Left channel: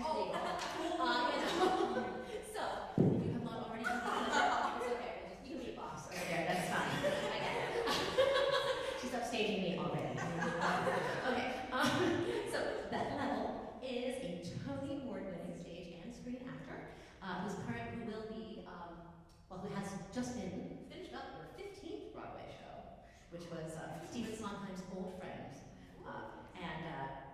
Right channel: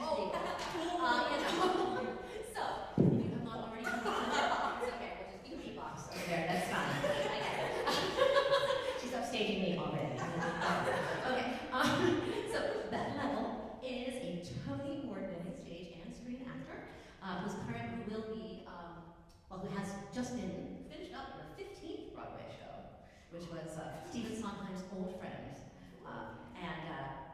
Oh, so, if you have not already done it's okay, we'll just do beatbox over there, that's fine. I get it. She's upstaging me already. Okay, so Beth Leavel is a Tony Award-winning stage and screen actor who has just been finished up her 15th Broadway show, which was Stephen Sondheim's old friend,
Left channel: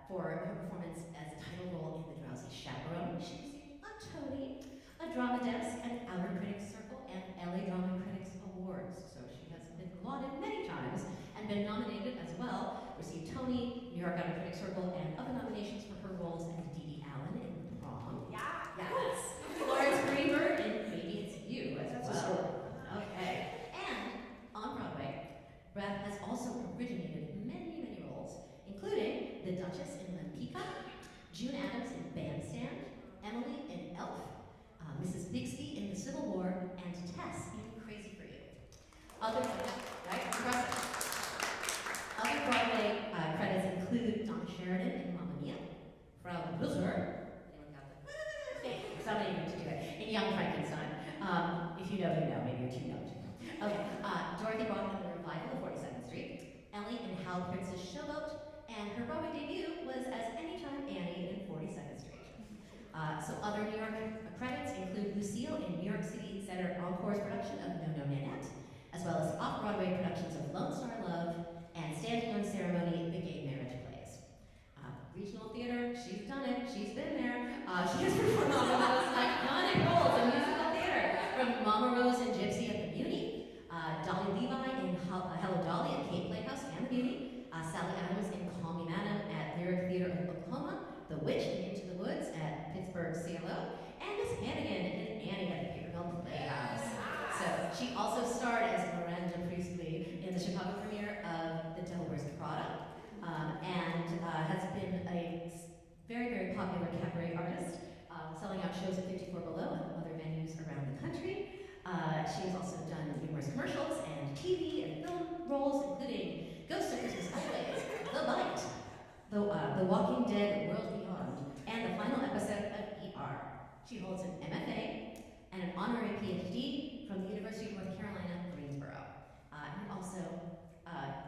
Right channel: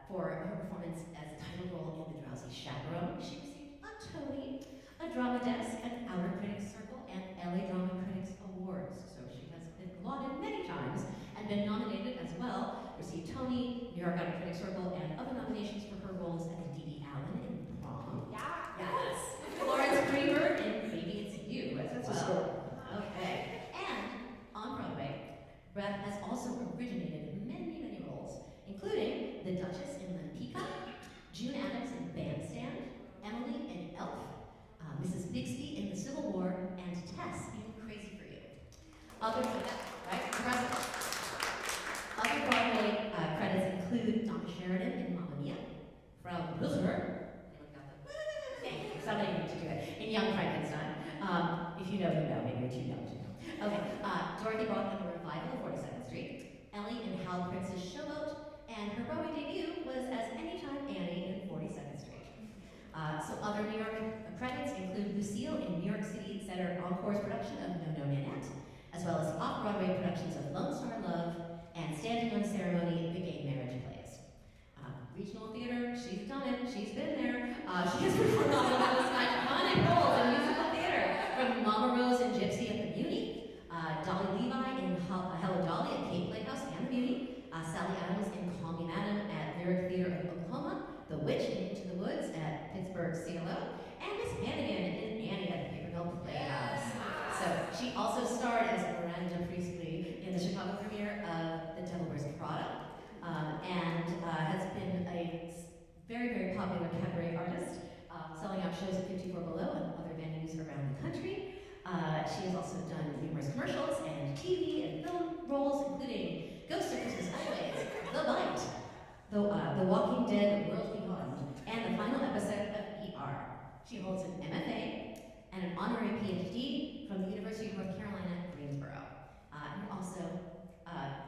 for her performance as a title role in The Drowsy Chaperone. She received a Tony, a Drama Desk, an Outer Critics Circle, and LA Drama Critics Awards. So she has been lauded many times and been nominated as well, received Tony, New York Outer Critics Circle, and other nominations for her roles as Dee Allen in The Prom. Yeah. Yes. Florence Greenberg in Maybe It's You as That's well. a story. Okay. And on Broadway, Beth has also originated many, many roles, including the Duchess in Lempica, June Addams in Bandstand, Emily in Elf, Mrs. Bixby in The Civil War, and Tess in Crazy for You. Other Broadway credits include Donna Sheridan in Mamma Mia, Frau Brücher, anyone got that? Somebody need to do it, in Young Frankenstein. If you know, you know, maybe you're too young to know. Okay, Dorothy Brock in The Revival of 42nd Street, Ellie in Hal Prince's Showboat, and her Broadway debut was as Anytime Annie in 42nd Street. So other New York credits include Lucille in New York City Center Encore's production of No No Nanette, as well as the off-Broadway productions of Lone Star Love and Standing on Ceremony, The Gay Marriage Plays. Regional theater, she's done it, she's been there. She has performed some of the most iconic roles in musical theater, from Mama Rose and Gypsy at the Muni, Dolly Levi in Hello Dolly at Cape Playhouse and the Muni, Sally Adams in Call Me Madam at Lyric Theater of Oklahoma, The Witch in Into the Woods at Pittsburgh CLO, and Miss Hannigan in Annie at the Paper Mill Playhouse. So she also starred as Miranda Priestley in the Chicago premiere of The Devil Wears Prada, and has been a very, very popular cabaret artist, selling out shows at 54 Below and other venues around the country. She has also done numerous commercials and TV and film roles, including Ghost of Christmas Always, The Bite, The Walking Dead World Beyond, and the final episode of ER. She holds an MFA and an honorary PhD from the University of North Carolina, Greensboro. And also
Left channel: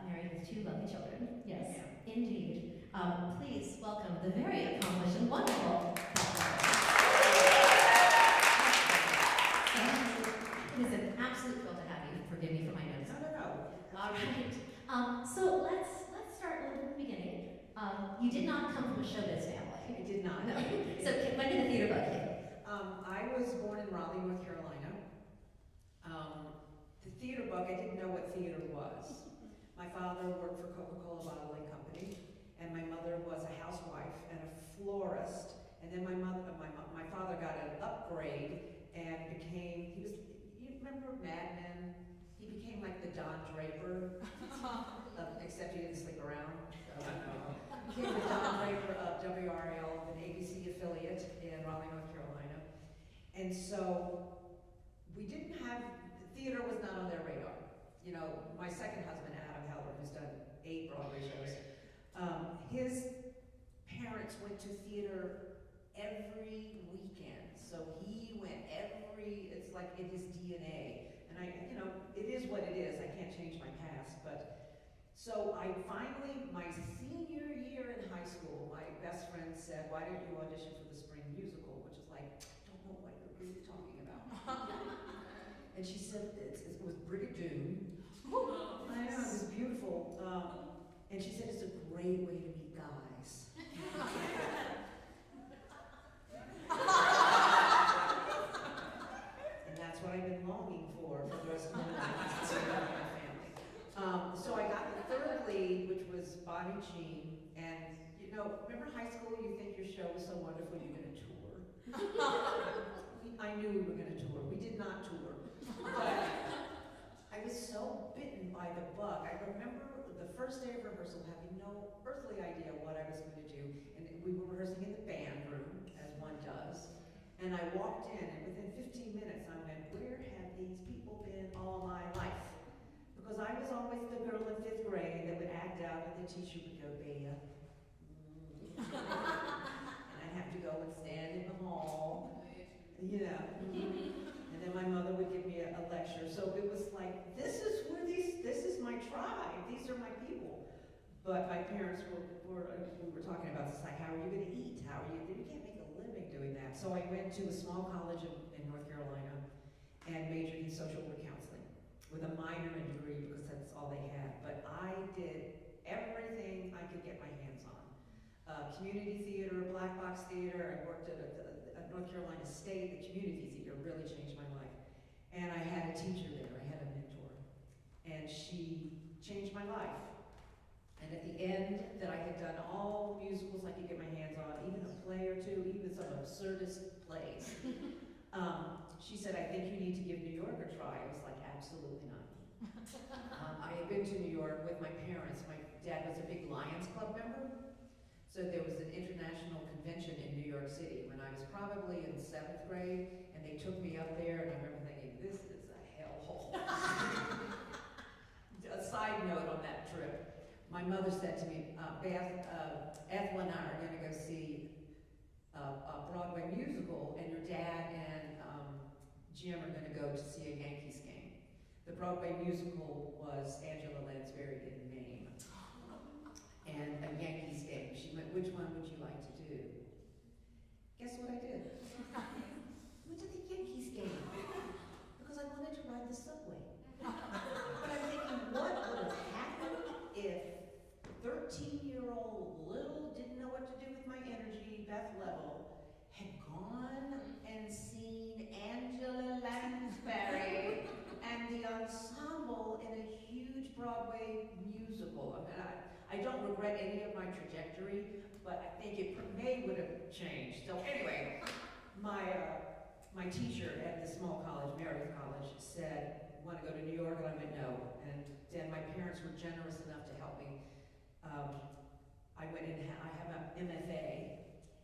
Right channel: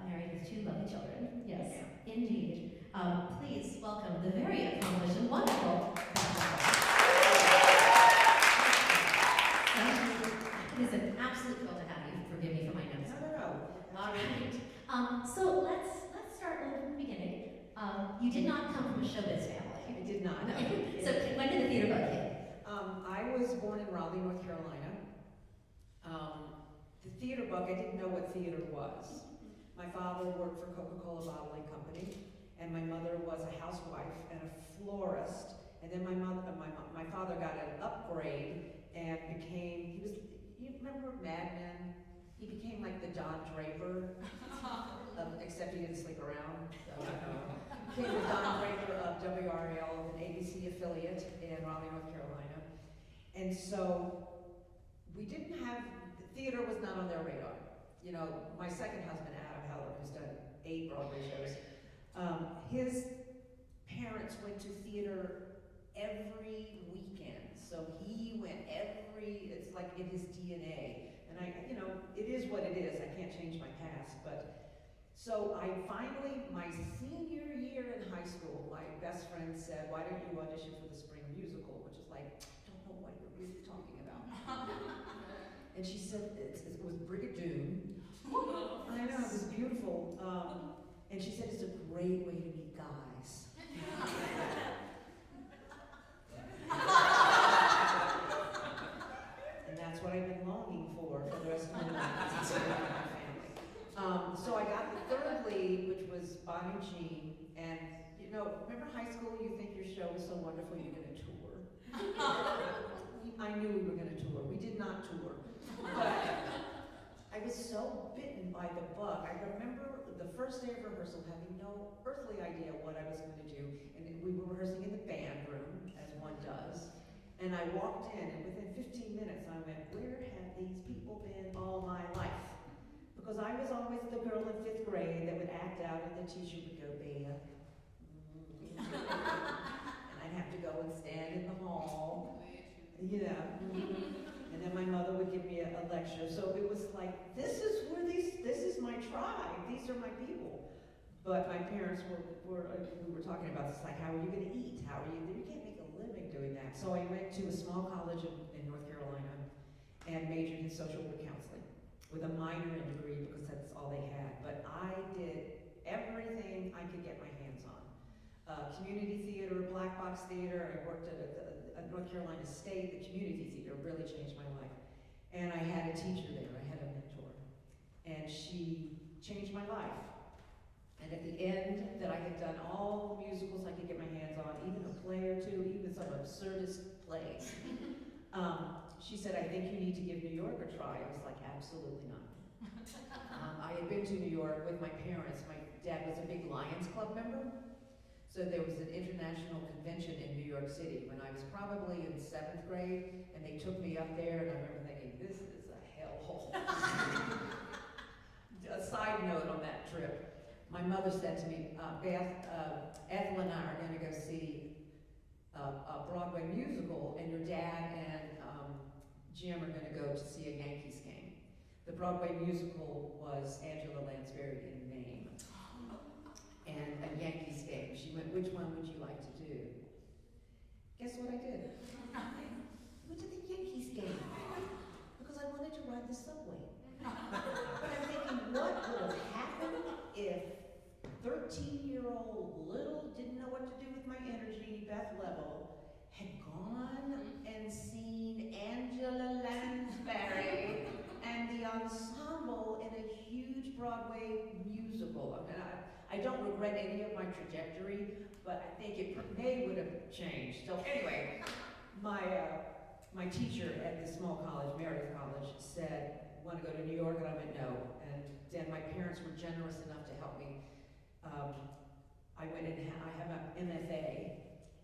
married with 2 lovely children. Yes, indeed. Please welcome the very accomplished and wonderful Beth Leavel. It is an absolute thrill to have you. Forgive me for my notes. No. All right. So let's start with the beginning. You did not come from a showbiz family. I did not. No. So when did the theater bug hit? I was born in Raleigh, North Carolina. The theater bug, I didn't know what theater was. My father worked for Coca-Cola Bottling Company, and my mother was a housewife and a florist. And then my father got an upgrade and became, you remember Mad Men? He became like the Don Draper, except he didn't sleep around. So, became the Don Draper of WRL, an ABC affiliate in Raleigh, North Carolina. And so we didn't have, theater was not on their radar. You know, my second husband, Adam Heller, who's done 8 Broadway shows, his parents went to theater every weekend. So he went it's like in his DNA. And it is what it is. I can't change my past. But so I finally, my senior year in high school, my best friend said, "Why don't you audition for the spring musical?" Which is like, I don't know what you're really talking about. And she said, it was Brigadoon. I know, it was beautiful. And she said, it's a great way to meet guys. And that's what I've been longing for the rest of my life, to see my family. So I got the third lead, which was Bonnie Jean. And, remember high school, you think your show is so wonderful, you're going to tour. I knew we were going to tour. We did not tour. But I was so bitten by the bug. I remember the first day of rehearsal having no earthly idea what I was going to do. And we were rehearsing in the band room, as one does. And I walked in, and within 15 minutes I went, where have these people been all my life? Because I was always the girl in 5th grade that would act out, and the teacher would go, Bea. And I'd have to go, window and stand in the hall. And then my mother would give me a lecture. So it was like, this is my tribe, these are my people. But my parents we were talking about this, like, how are you going to eat? You can't make a living doing that. So I went to a small college in North Carolina and majored in social work counseling with a minor in degree because that's all they had. But I did everything I could get my hands on. Community theater, black box theater. I worked at North Carolina State. The community theater really changed my life. And I had a teacher there. I had a mentor. And she changed my life. And at the end, that I had done all the musicals I could get my hands on, even a play or two, even some absurdist plays. She said, I think you need to give New York a try. I was like, absolutely not. I had been to New York with my parents. My dad was a big Lions Club member. So there was an international convention in New York City when I was probably in 7th grade, and they took me up there, and I remember thinking, this is a hellhole. A side note on that trip. My mother said to me, Beth, Ethel and I are going to go see a Broadway musical, and your dad and Jim are going to go to see a Yankees game. The Broadway musical was Angela Lansbury in name, and a Yankees game. She went, which one would you like to do? Guess what I did? I went to the Yankees game because I wanted to ride the subway. But I'm thinking, what would have happened if 13-year-old little, didn't know what to do with my energy, Beth Leavel, had gone and seen Angela Lansbury and the ensemble in a huge Broadway musical. I mean, I don't regret any of my trajectory, but I think it would have changed. So anyway, my teacher at this small college, Meredith College, said, want to go to New York? And I went, no. And then my parents were generous enough to help me. I went in, I have an MFA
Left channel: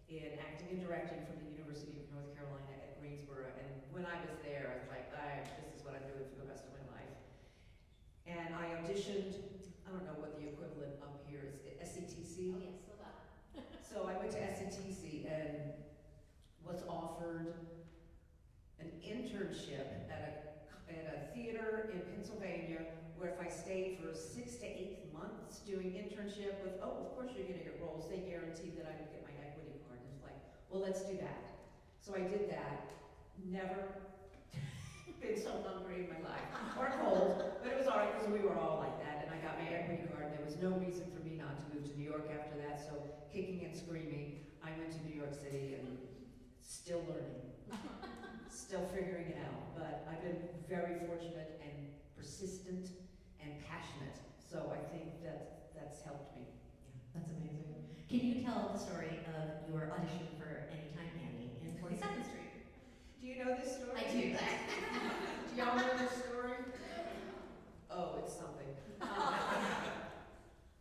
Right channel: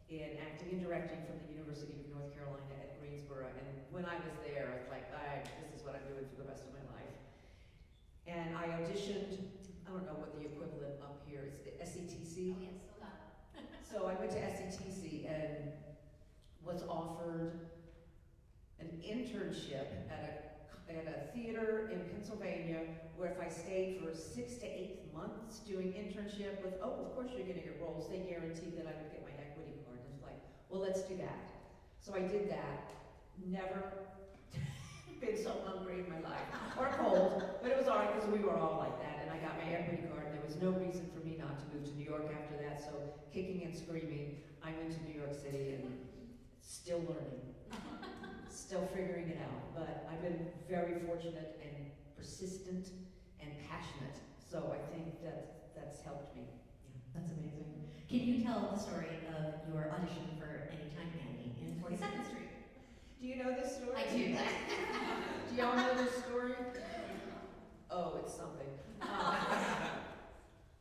in acting and directing from the University of North Carolina at Greensboro. And when I was there, I was like, this is what I'm doing for the rest of my life. And I auditioned, I don't know what the equivalent up here is, the SETC. Oh, yes, still got it. So I went to SETC and was offered an internship at a theater in Pennsylvania, where if I stayed for 6 to 8 months doing internship with, of course you're gonna get roles, they guaranteed that I would get my equity card. And it's like, well, let's do that. So I did that. Never been so hungry in my life, or cold, but it was all right because we were all like that, and I got my equity card. There was no reason for me not to move to New York after that, so kicking and screaming, I went to New York City and still learning. Still figuring it out, but I've been very fortunate and persistent and passionate, so I think that's helped me. Yeah, that's amazing. Can you tell the story of your audition for Anytime Annie in 42nd Street? Do you know this story? I do. Do y'all know this story? Oh, it's something.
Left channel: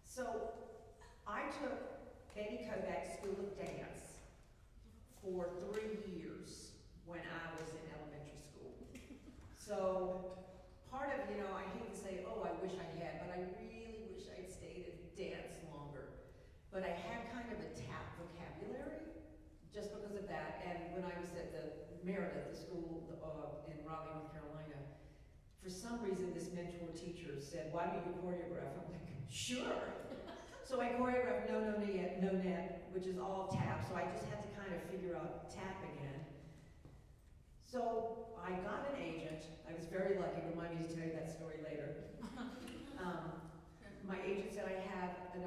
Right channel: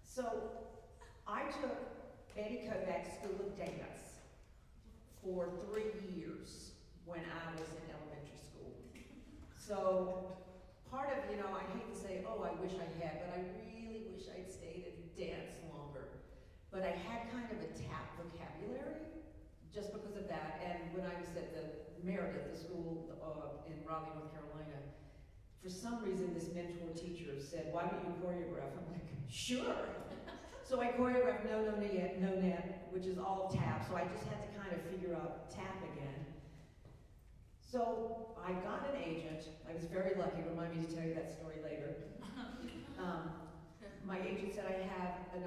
So I took Eddie Kodak's School of Dance for 3 years when I was in elementary school. So part of, I hate to say, oh, I wish I had, but I really wish I'd stayed and danced longer. But I had kind of a tap vocabulary just because of that. And when I was at the Meredith, the school in Raleigh, North Carolina, for some reason this mentor teacher said, why don't you choreograph? I'm like, sure. So I choreographed No Net, which is all tap. So I just had to kind of figure out tap again. So I got an agent. I was very lucky. Remind me to tell you that story later. My agent said, I have an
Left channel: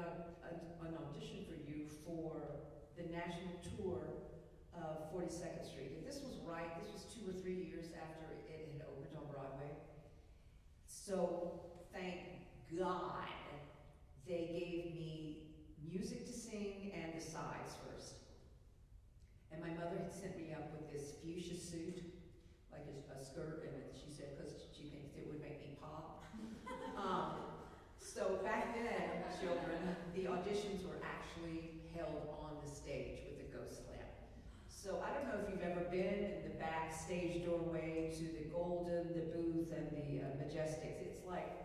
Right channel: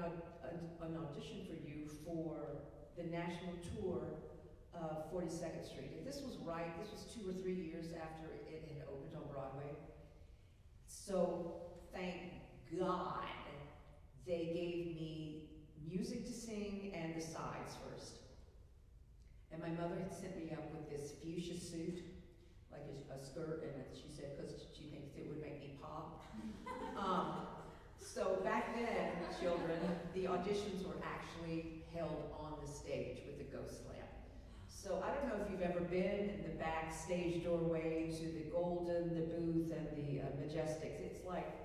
audition for you for the national tour of 42nd Street. And this was 2 or 3 years after it had opened on Broadway. So thank God they gave me music to sing and the sides first. And my mother had sent me up with this fuchsia suit, like a skirt, and she said, because she thinks it would make me pop. So back then, children, the auditions were actually held on the stage with a ghost lamp. So I don't know if you've ever been in the backstage doorway to the Golden, the Booth, and the Majestics. It's like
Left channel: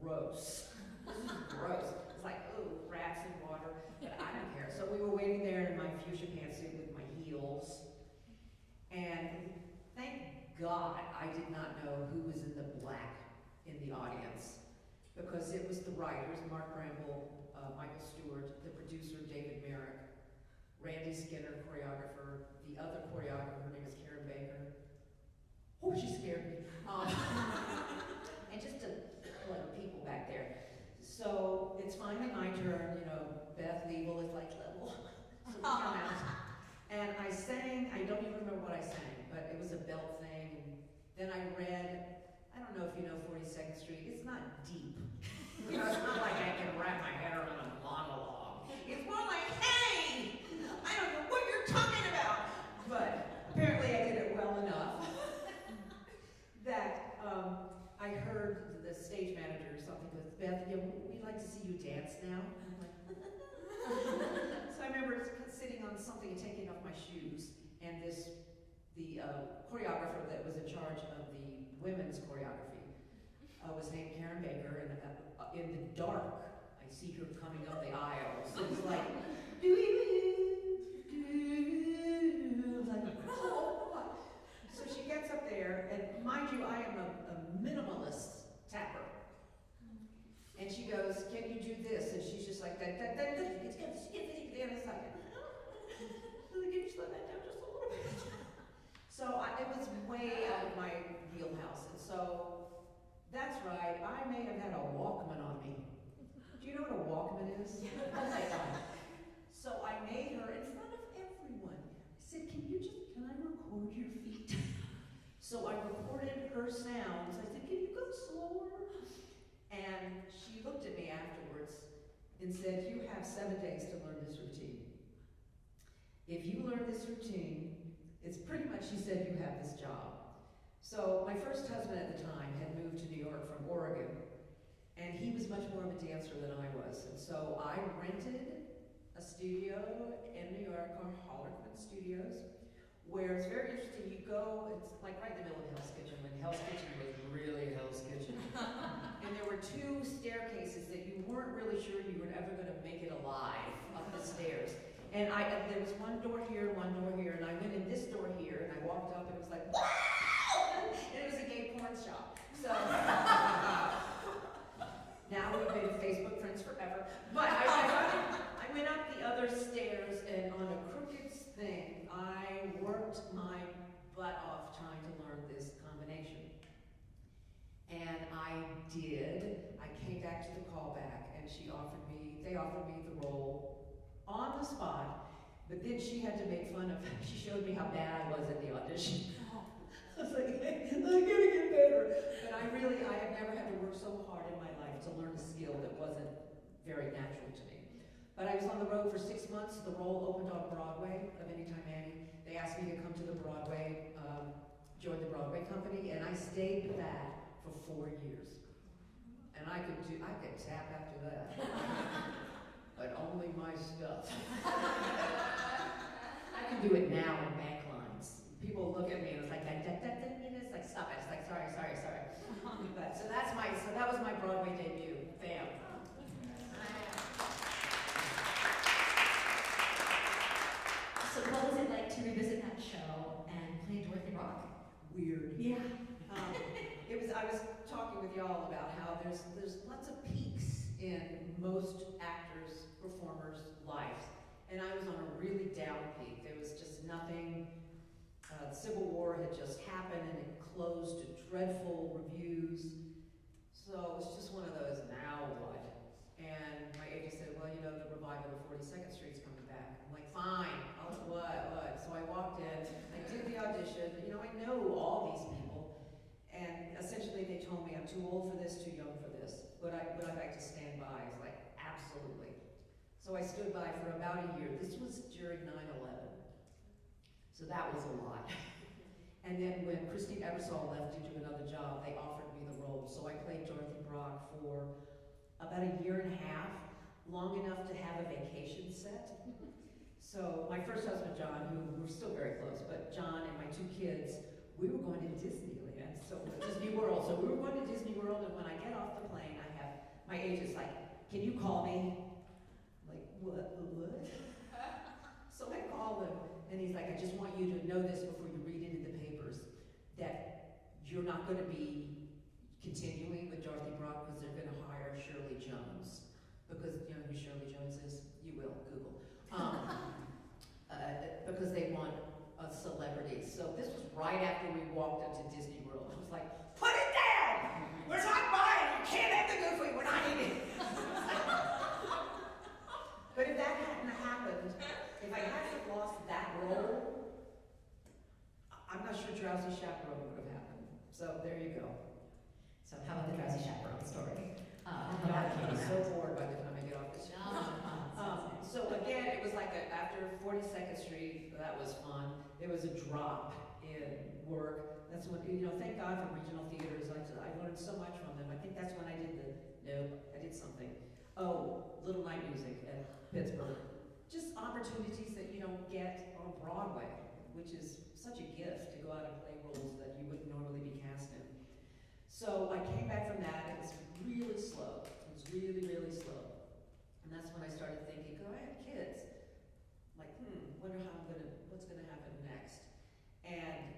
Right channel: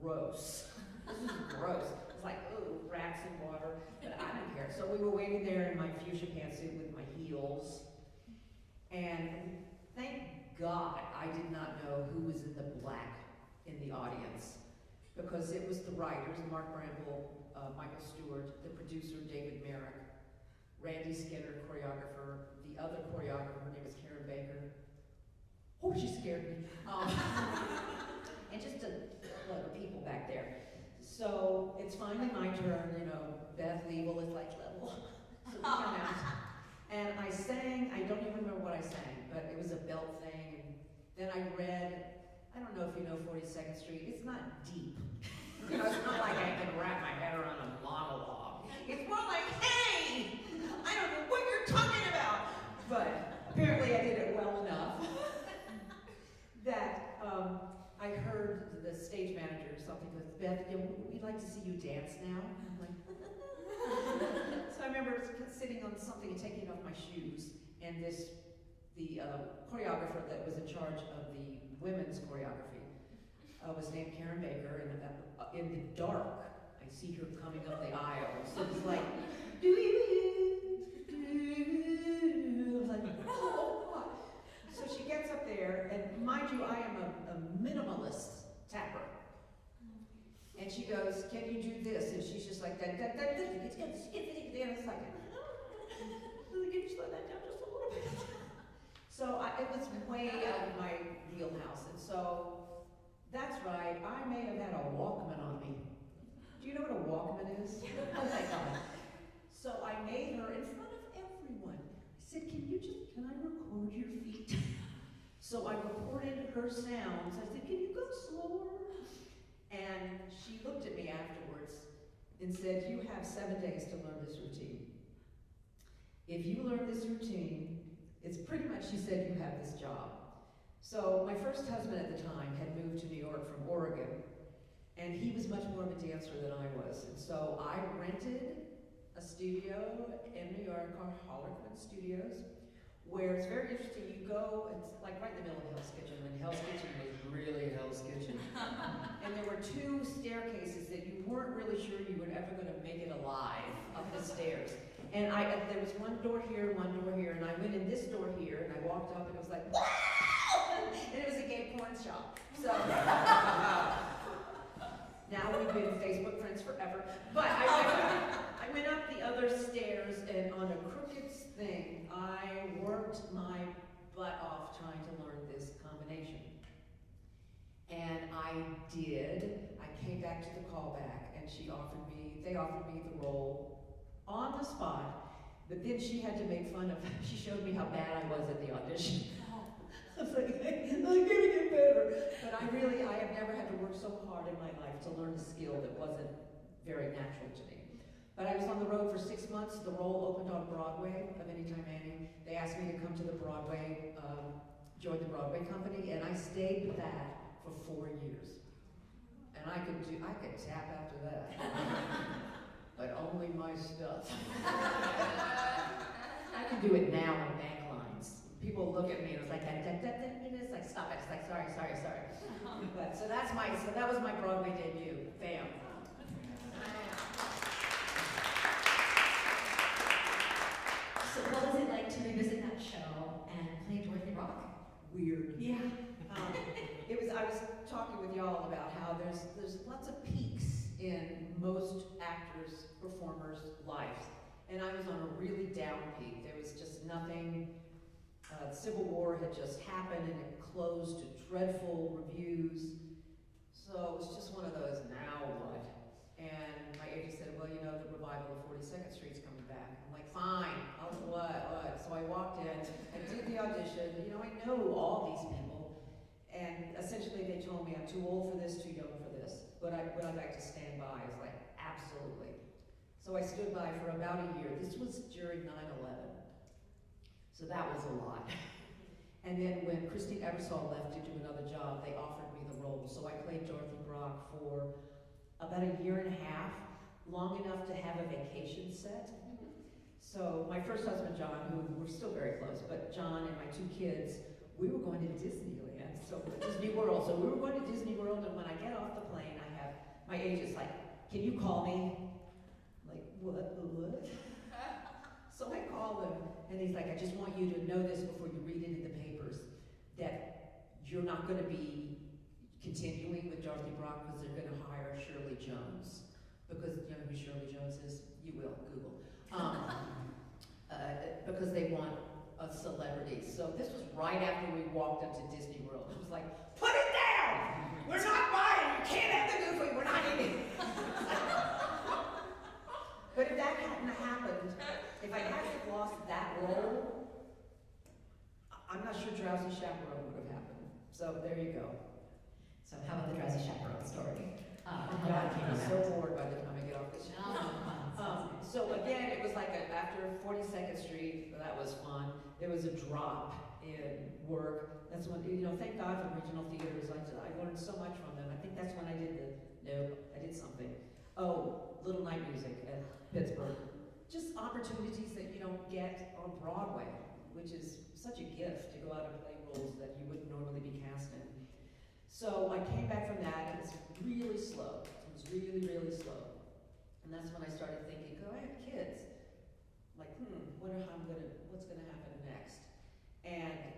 gross. This is gross. It's like, oh, rats and water, but I don't care. So we were waiting there in my fuchsia pantsuit with my heels. And thank God I did not know who was in the black in the audience, because it was the writers, Mark Bramble, Michael Stewart, the producer, David Merrick, Randy Skinner, choreographer, the other choreographer, her name is Karen Baker. Oh, she scared me. And just a lot of people back there. So it's finally my turn, you know, Beth Leavel is like level. So we come out. And I sang, I don't even remember what I sang, but it was a belt thing. And then I read, I don't know if you know 42nd Street, it's not deep. You know, it's not like I can wrap my head around a monologue. It's more like, hey, I don't know what you're talking about. But apparently I did it well enough that I heard the stage manager or something goes, Beth, we'd like to see you dance now. And I'm like, so I remember sitting on something and taking off my shoes, and the choreographer that was in charge of the women's choreography was named Karen Baker, and in the dark, I see her coming up the aisle. So it's like, like, oh God. So she gets up there, and mind you, I am a minimalist tapper. And she goes, can you do this? And she's just like, it's gonna skip it again. It's like, can you slow that down just a little bit? So it was way out of my wheelhouse. And so, that's right, I may have had a Walkman on me. Do you know what a Walkman is? Oh my God. So I made her in front of everyone. I said, can I record your feet? So I recorded her sounds. I said, can you go slower? And she looked at me afterwards and said, you have 7 days to learn this routine. If you learn this routine, it's pretty much, she said, you have this job. So my first husband at the time had moved to New York from Oregon, and he was much more of a dancer than I was. And so I rented a studio in New York called Harlequin Studios, where it's very interesting. You go, it's like right in the middle of Hell's Kitchen, when Hell's Kitchen was really Hell's Kitchen. And there were 2 staircases that you weren't really sure you were ever going to make it alive up the stairs. And there was one door here, and I went in this door here, and I walked up, and it was like, wow! And it was a gay porn shop. So now we've been Facebook friends forever. But I went up the other stairs, and on a crooked thing, I worked my butt off trying to learn this combination. And I did. I came back to the callback, and they offered me the role on the spot. But then she had to make fun of, she showed me how bad I was at the audition. I was like, hey, I'm gonna get better. But I have never had to work so hard in my life to learn a skill that wasn't very natural to me. But I was on the road for 6 months. The role opened on Broadway of Anytime Annie. They asked me to come to the Broadway, join the Broadway company, and I stayed with that for 4 years. And I could tap after that. But only my stuff. I can do it now in bank lines. People look at me and it's like, it's like, stop it. It's like, sorry. But so that was my Broadway debut. Bam. So what was it like to revisit that show and play Dorothy Rock? Weird. Yeah. I was talking with y'all about how there's lots of peaks in most actors, performers' lives. And I was on a really down peak. There was just nothing. The Civil War had just happened and it closed to dreadful reviews. So it was just one of those, now what? And my agent said, well, you know, the revival of 42nd Street's coming back. I'm like, fine, what? So I walked in, I did the audition, you know, I know all these people. And essentially they told me I'm too old for this, too young for this. But would I like to stand by? I was like, absolutely. So I stood by for about a year. This was during 9/11. So that was a lot. And then when Christine Ebersol left to do another job, they offered me the role. So I played Dorothy Brock for about a year and a half, long enough to have a vacation set. So my first husband, John, who we're still very close, but John and my 2 kids, we were going to Disneyland, Disney World. So we were going to Disney World, and when I get off the plane, my agent's like, can you call me? I'm like, what? So I call him, And he's like, I just want you to know this before you read it in the papers, that you're not going to be continuing with Dorothy Brock because they're going to hire Shirley Jones. Because you know who Shirley Jones is? You will, Google. Because they want a celebrity. So this was right after we walked into Disney World. I was like, put it down! We're not buying! You can't have the Goofy! We're not eating! But if that hadn't happened, if I hadn't lost that role, I'm not sure Drowsy Chaperone would have happened. So there you go. So how about the Drowsy Chaperone story? I'm How about it came so around? bored by the time I get off this. No, So again, it was like after 42nd Street, that was fun. There was a drop in work. That's when, you know, thank God for regional theaters. I learned so much from them. I think that's when I did I did something. Oh, Little Night Music at Pittsburgh. Just opportunities that you don't get on Broadway, which is such a gift to go out and play roles that you wouldn't normally be cast in. So I came back from that. It was really slow. It was really, really slow. And that's when I started thinking, oh, I have kids. Like, what's gonna happen next? And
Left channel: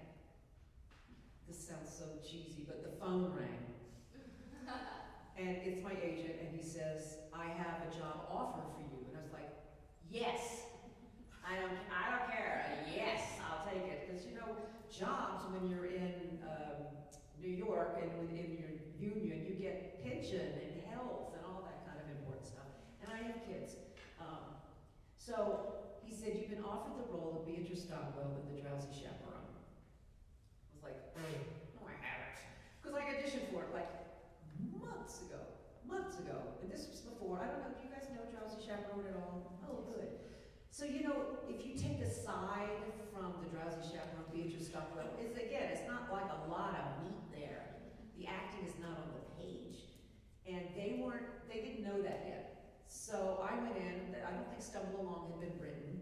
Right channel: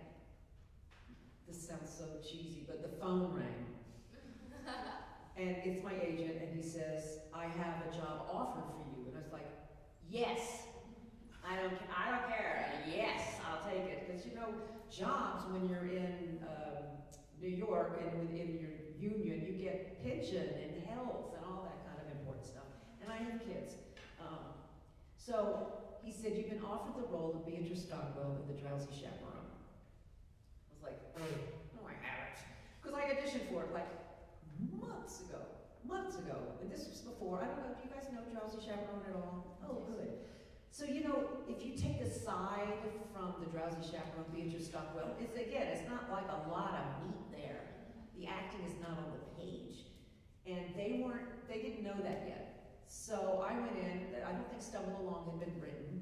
this sounds so cheesy, but the phone rang. And it's my agent, and he says, I have a job offer for you. And I was like, yes. I don't care. Yes, I'll take it. Because you know, jobs when you're in New York and within your union, you get pension and health and all that kind of important stuff. And I have kids. So he said, you've been offered the role of Beatrice Stockwell in The Drowsy Chaperone. I was like, no, I haven't. Because I auditioned for it like months ago. And this was before, I don't know, do you guys know Drowsy Chaperone at all? Oh, good. So, you know, if you take aside from The Drowsy Chaperone, Beatrice Stockwell, it's not like a lot of meat there. The acting is not on the page. And they didn't know that yet. So I went in, I don't think Stumble Along had been written.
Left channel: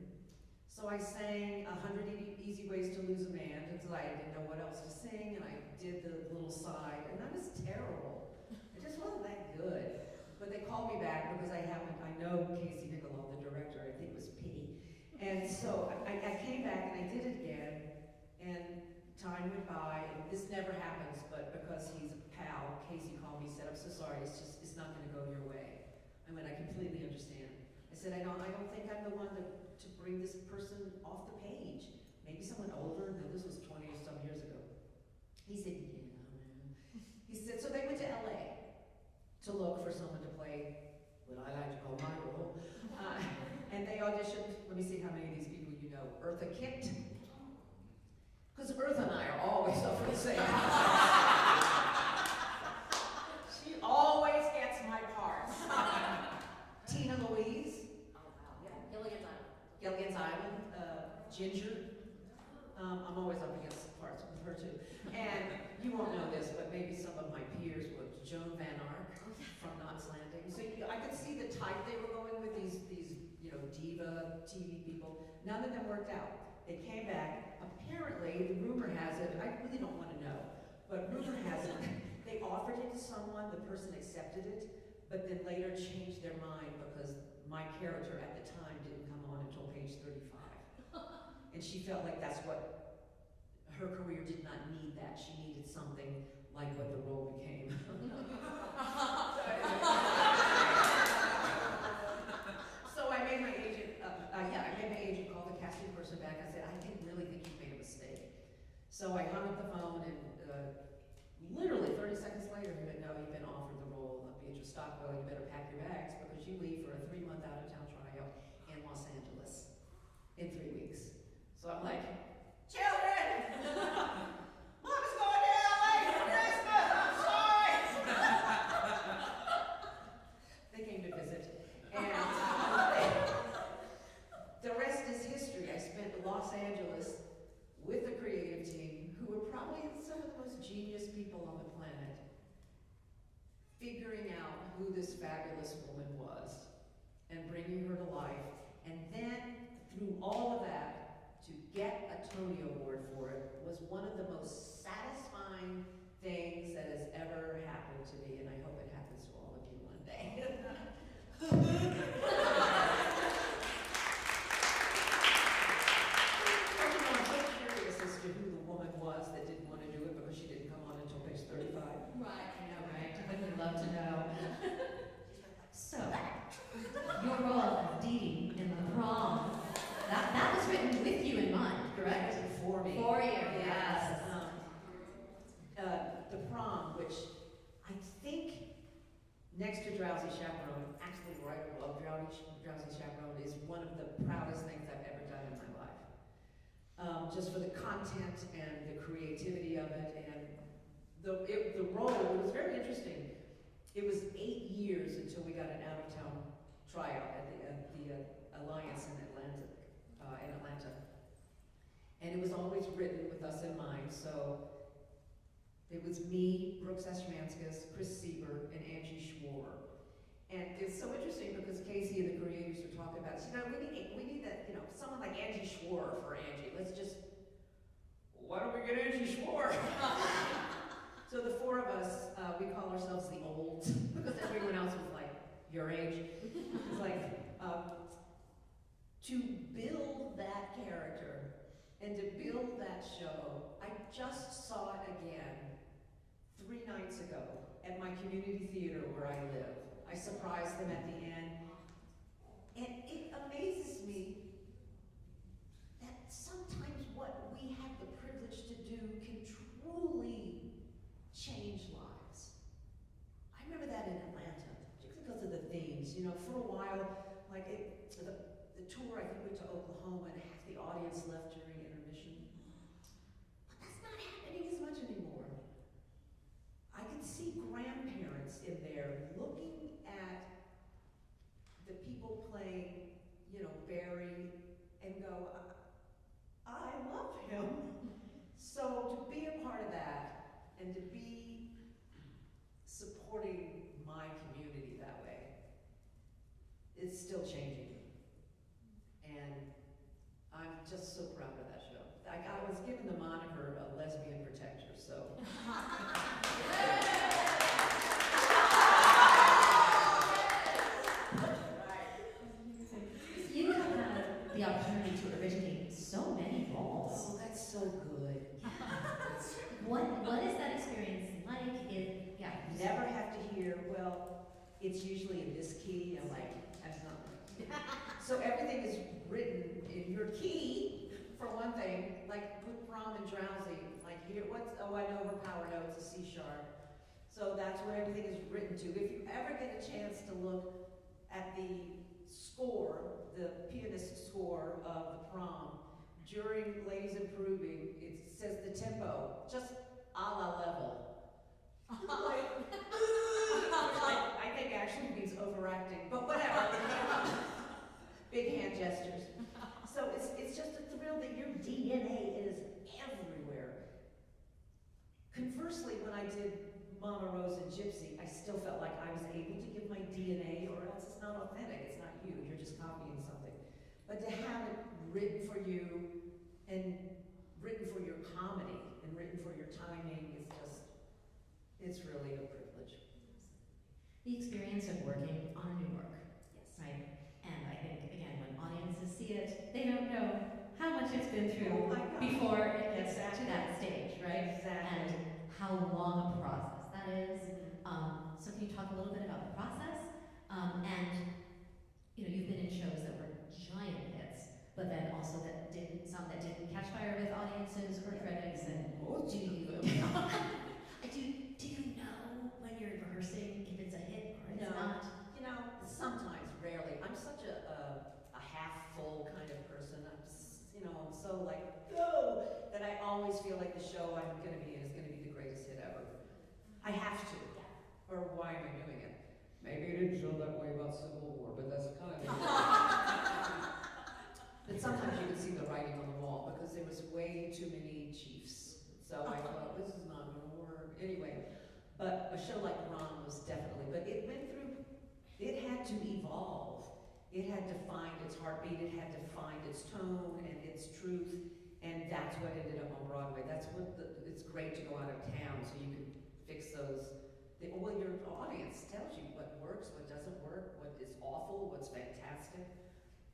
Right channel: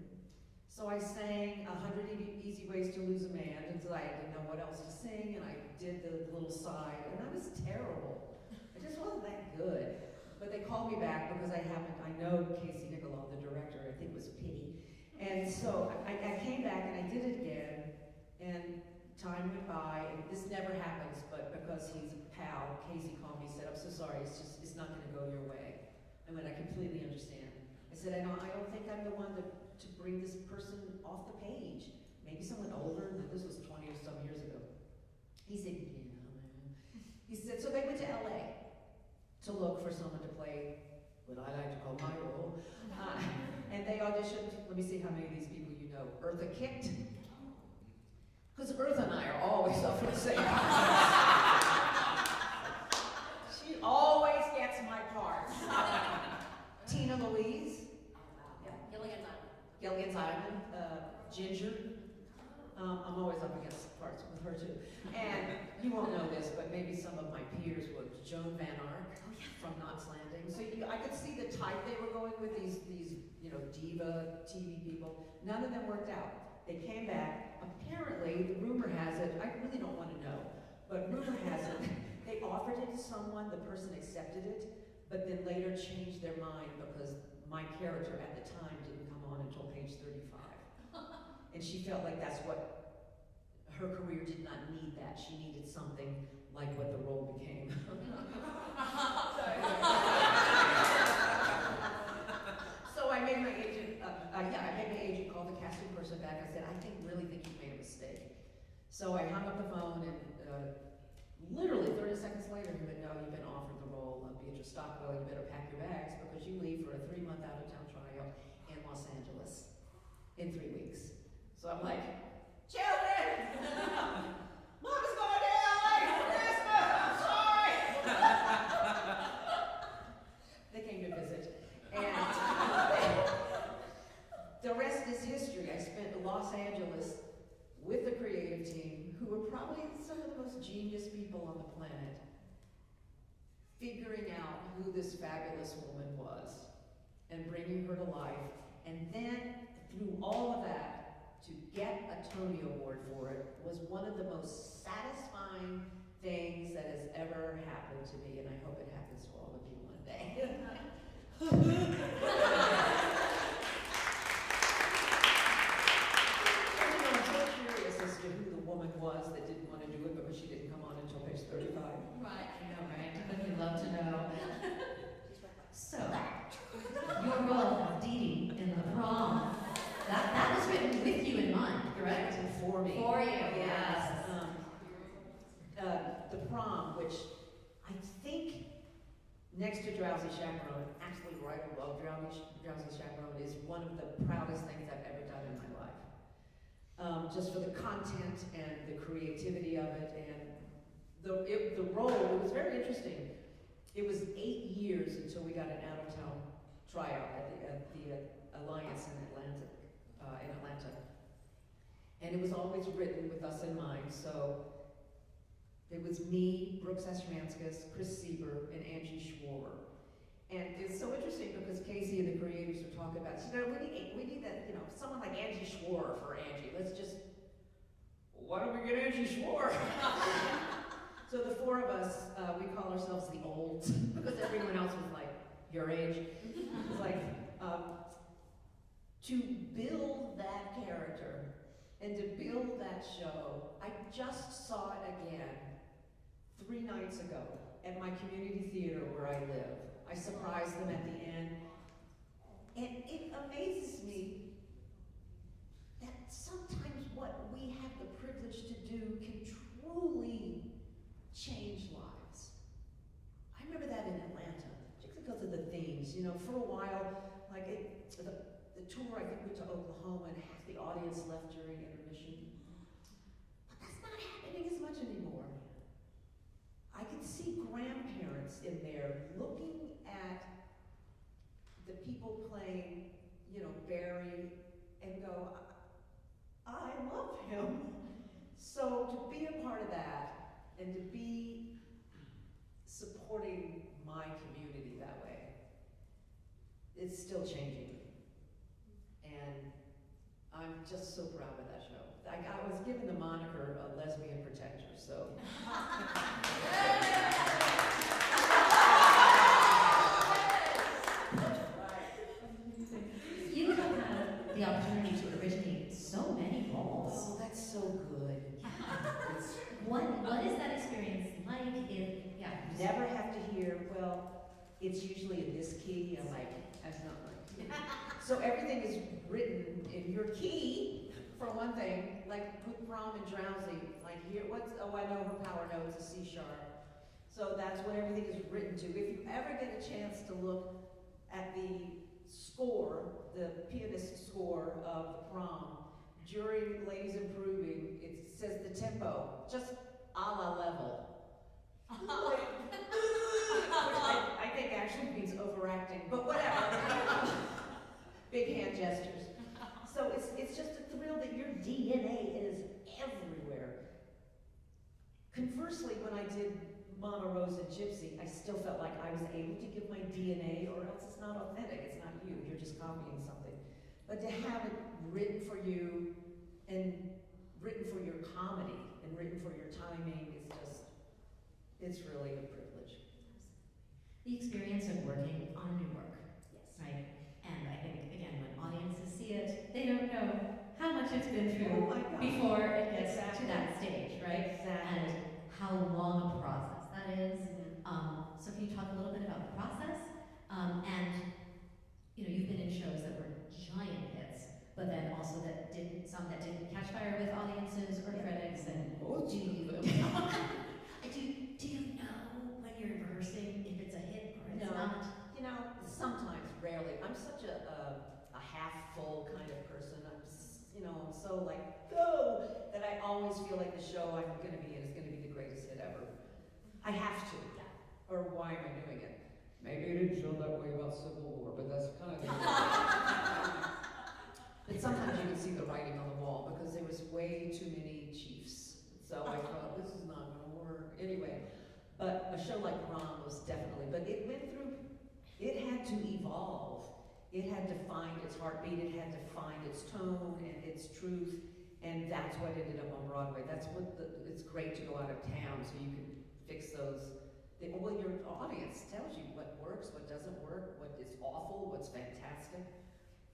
So I sang 100 Easy Ways to Lose a Man until I didn't know what else to sing, and I did the little side, and that was terrible. It just wasn't that good. But they called me back because I know Casey Nicholaw, the director, I think it was Pity. And so I came back and I did it again, and time went by, and this never happens, but because he's a pal, Casey called me and said, I'm so sorry, it's not gonna go your way. I mean, I completely understand. I said, I don't think I'm the one to bring this person off the page. Maybe someone older, and this was 20 or some years ago. He said, yeah, man. He said, so they went to LA to look for someone to play what I like to call my role. And they auditioned, let me see how many of these people you know. Eartha Kitt. Because Eartha and I are always up for the same She always gets my parts. Tina Louise. Oh, wow. Yeah. Gilligan's Island. Ginger. I'm always up against parts with her too. And you won't know this, but maybe some of my peers would. Joan Van Ark from Knots Landing. So I could see the type they were going with, these diva TV people. None of them worked out. They came back. Apparently, the rumor has it, I really don't want to know, but rumor has it, they offered it to someone, the person accepted it, but then later changed their mind because my character at the time didn't come on until page 35. And she felt like that's what her career did not need that. She needed something like what the role became. So I made my agent, call the casting person back. I said, I really think you made a mistake. So I hung up the phone, and literally 30 seconds later, he went, no, you've been offered the role of Beatrice Stockwell. You better pack your bags because you leave for a 3-month out-of-town trial in Los Angeles in 3 weeks. So I'm like, children! Mama's going to LA for Christmas! I'm sorry! They came to visit. And the rest is history. I spent Los Angeles with the creative team, who were probably some of the most genius people on the planet, figuring out who this fabulous woman was and bringing her to life. And then, through all of that, to get a Tony Award for it was one of the most satisfying things that has ever happened to me, and I hope it happens to all of you one day. Drowsy Chaperone, actually right above Drowsy Chaperone, is one of the proudest things I've ever done in my life. Just for the content and the creativity of it, and the role, it was very interesting. It was 8 years until we got an out-of-town tryout at the Alliance in Atlanta. And it was always written with us in mind, so it was me, Brooks Ashmanskas, Chris Sieber, and Angie Schwarber. And it's so interesting because Casey and the creators are talking about, we need that, someone like Angie Schwarber for Angie. Let's just, why don't we get Angie Schwarber? So the four of us, we call ourselves the olds, because everyone else was like, your age. It's like, to build that character and to build that show, I just saw it again 3 nights ago at my community theater where I live. I surprised them at the end. And it amazes me that sometimes what we have the privilege to do can truly change lives. I remember that in Atlanta, particularly because of the themes. For a while, like the tour, I think, went to Oklahoma and half the audience left during intermission. But that's not happening as much anymore. I could see grandparents in there looking at the people playing, Barry, and go, I love him. So to be a part of that and to be supporting my community that way, it's still changing me. And I'm just so proud of that show. I was given the moniker a lesbian protector, so. You have had the opportunity to originate so many roles. Oh, that's so good. What is that experience like? Never have to hear, well, it's usually in this key, that's not right. So everything is written in your key, for one thing, like with Prom and Drowsy, I know her power note's a C sharp. So that's what everything is written to. If you ever get a chance to look at the score, the pianist score of the Prom, during Ladies Improving, it says the tempo, just a la level. I think actually means overacting, but whatever. Big hand gestures. So it's just a thrill that your DNA is everywhere. Conversely, when I did Mama Rose and Gypsy, I still felt like I was able to give my DNA, or else it's not authentic, it's not you, you're just copying something. But to have it written for you, and written for your comedy, and written for your timing, it's really a privilege. The experience of working on a new work, right? And I think, again, when audiences see it, they don't know how much it's been through before it gets to that stage, right? Exactly. And how long a process that is. So can you talk a little bit about the process? And you've been in shows that were giant hits, but then also some that didn't catch fire with audiences or critics. And do you know when you're rehearsing if it's a hit or it's not? Sometimes, rarely. I'm such a half full kind of person. I'm so go, that I always feel like the show I'm going to be in is going to be the greatest hit ever. I have to. Or why am I doing it? Maybe I didn't feel that way about Civil War, but that's kind of But sometimes you can see the writing on the wall because there was way too many chiefs. So I thought, this is not going to work. Anyway, but a show like Prom was definitely, but it went through, it had to evolve. It had to find its heartbeat, it had to find its tone and its truth, and that's what ended up on Broadway. That's what it's great to go out of town so you can fix those. Well, your audience tells you what works, what doesn't work, what is awful, what's fantastic,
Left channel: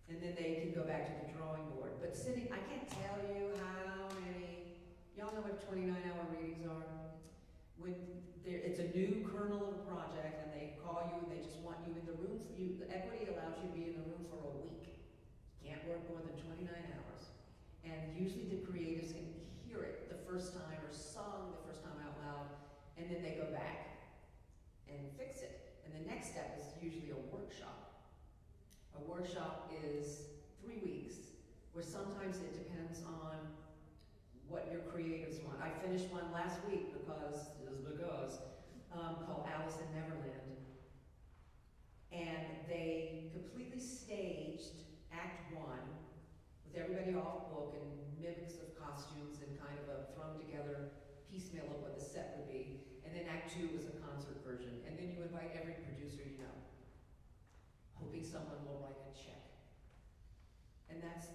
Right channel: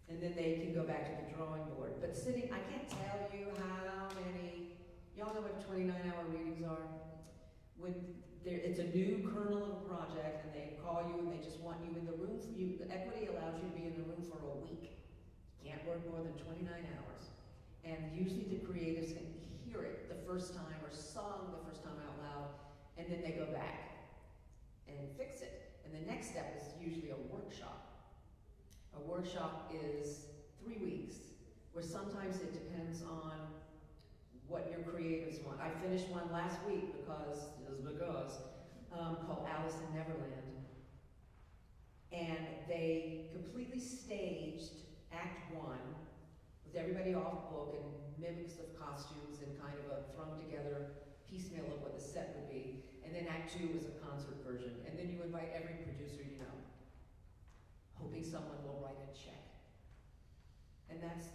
and then they can go back to the drawing board. But I can't tell you how many, y'all know what 29-hour readings are? When it's a new kernel of a project and they call you and they just want you in the room, the equity allows you to be in the room for a week. Can't work more than 29 hours. And usually the creatives can hear it the first time or sung the first time out loud, and then they go back and fix it. And the next step is workshop is 3 weeks, where sometimes it depends on what your creatives want. I finished one last week called Alice in Neverland. And they completely staged Act 1 with everybody off book and mimics of costumes and kind of a thrown together piecemeal of what the set would be. And then Act 2 was a concert version. And then you invite every producer you know, hoping someone will write a check. And that's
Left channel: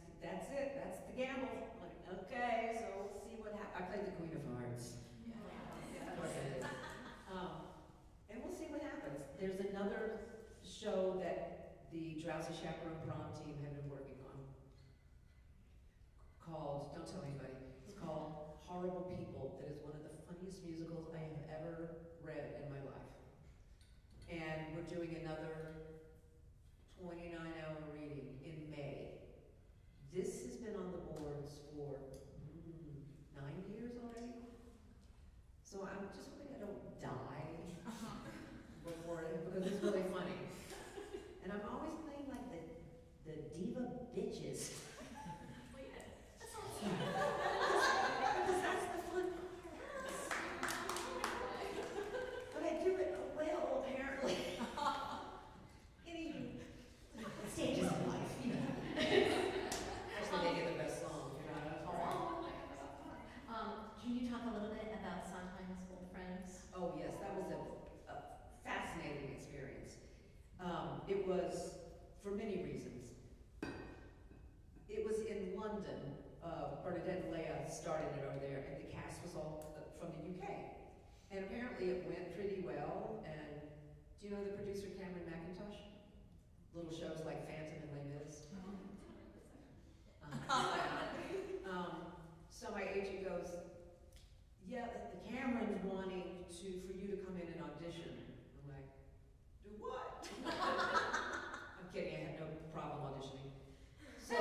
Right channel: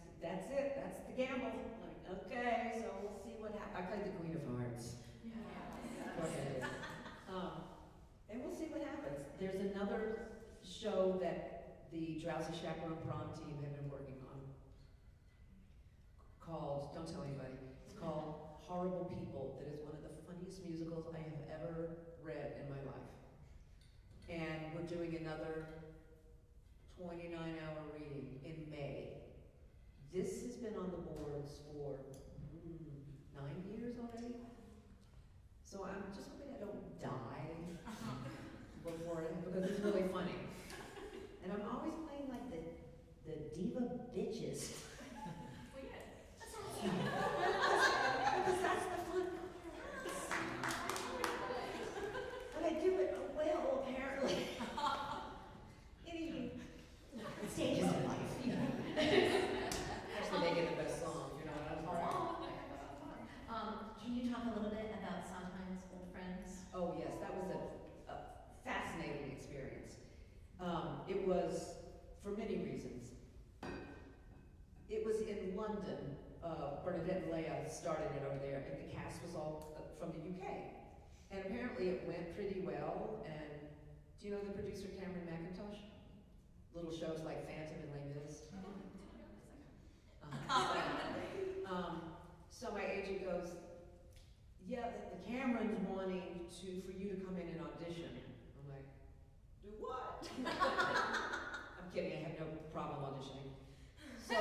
it. That's the gamble. Like, okay, so we'll see what happens. I played the Queen of Hearts. And we'll see what happens. There's another show that the Drowsy Chaperone Prom team have been working on called, don't tell anybody, it's called Horrible People. That is one of the funniest musicals I have ever read in my life. And we're doing another 29-hour reading in May. This has been on the boards for 9 years already. So I'm just hoping I don't die before it, because it's really funny. And I'm always playing like the diva bitches. Well, yeah, that sounds Because that's the fun part. But I do it well, apparently. Anywho. stages of life, you know. Actually, they get the best song, you know. That's right. Can you talk a little bit about Sondheim's Old Friends? Oh yes, that was a fascinating experience. It was for many reasons. It was in London. Bernadette and Leah started it over there, and the cast was all from the UK. And apparently it went pretty well. And do you know the producer Cameron McIntosh? Little shows like Phantom and Les Mis. So my agent goes, yeah, the Cameron's wanting for you to come in and audition. I'm like, do what? I'm kidding, I have no problem auditioning. So,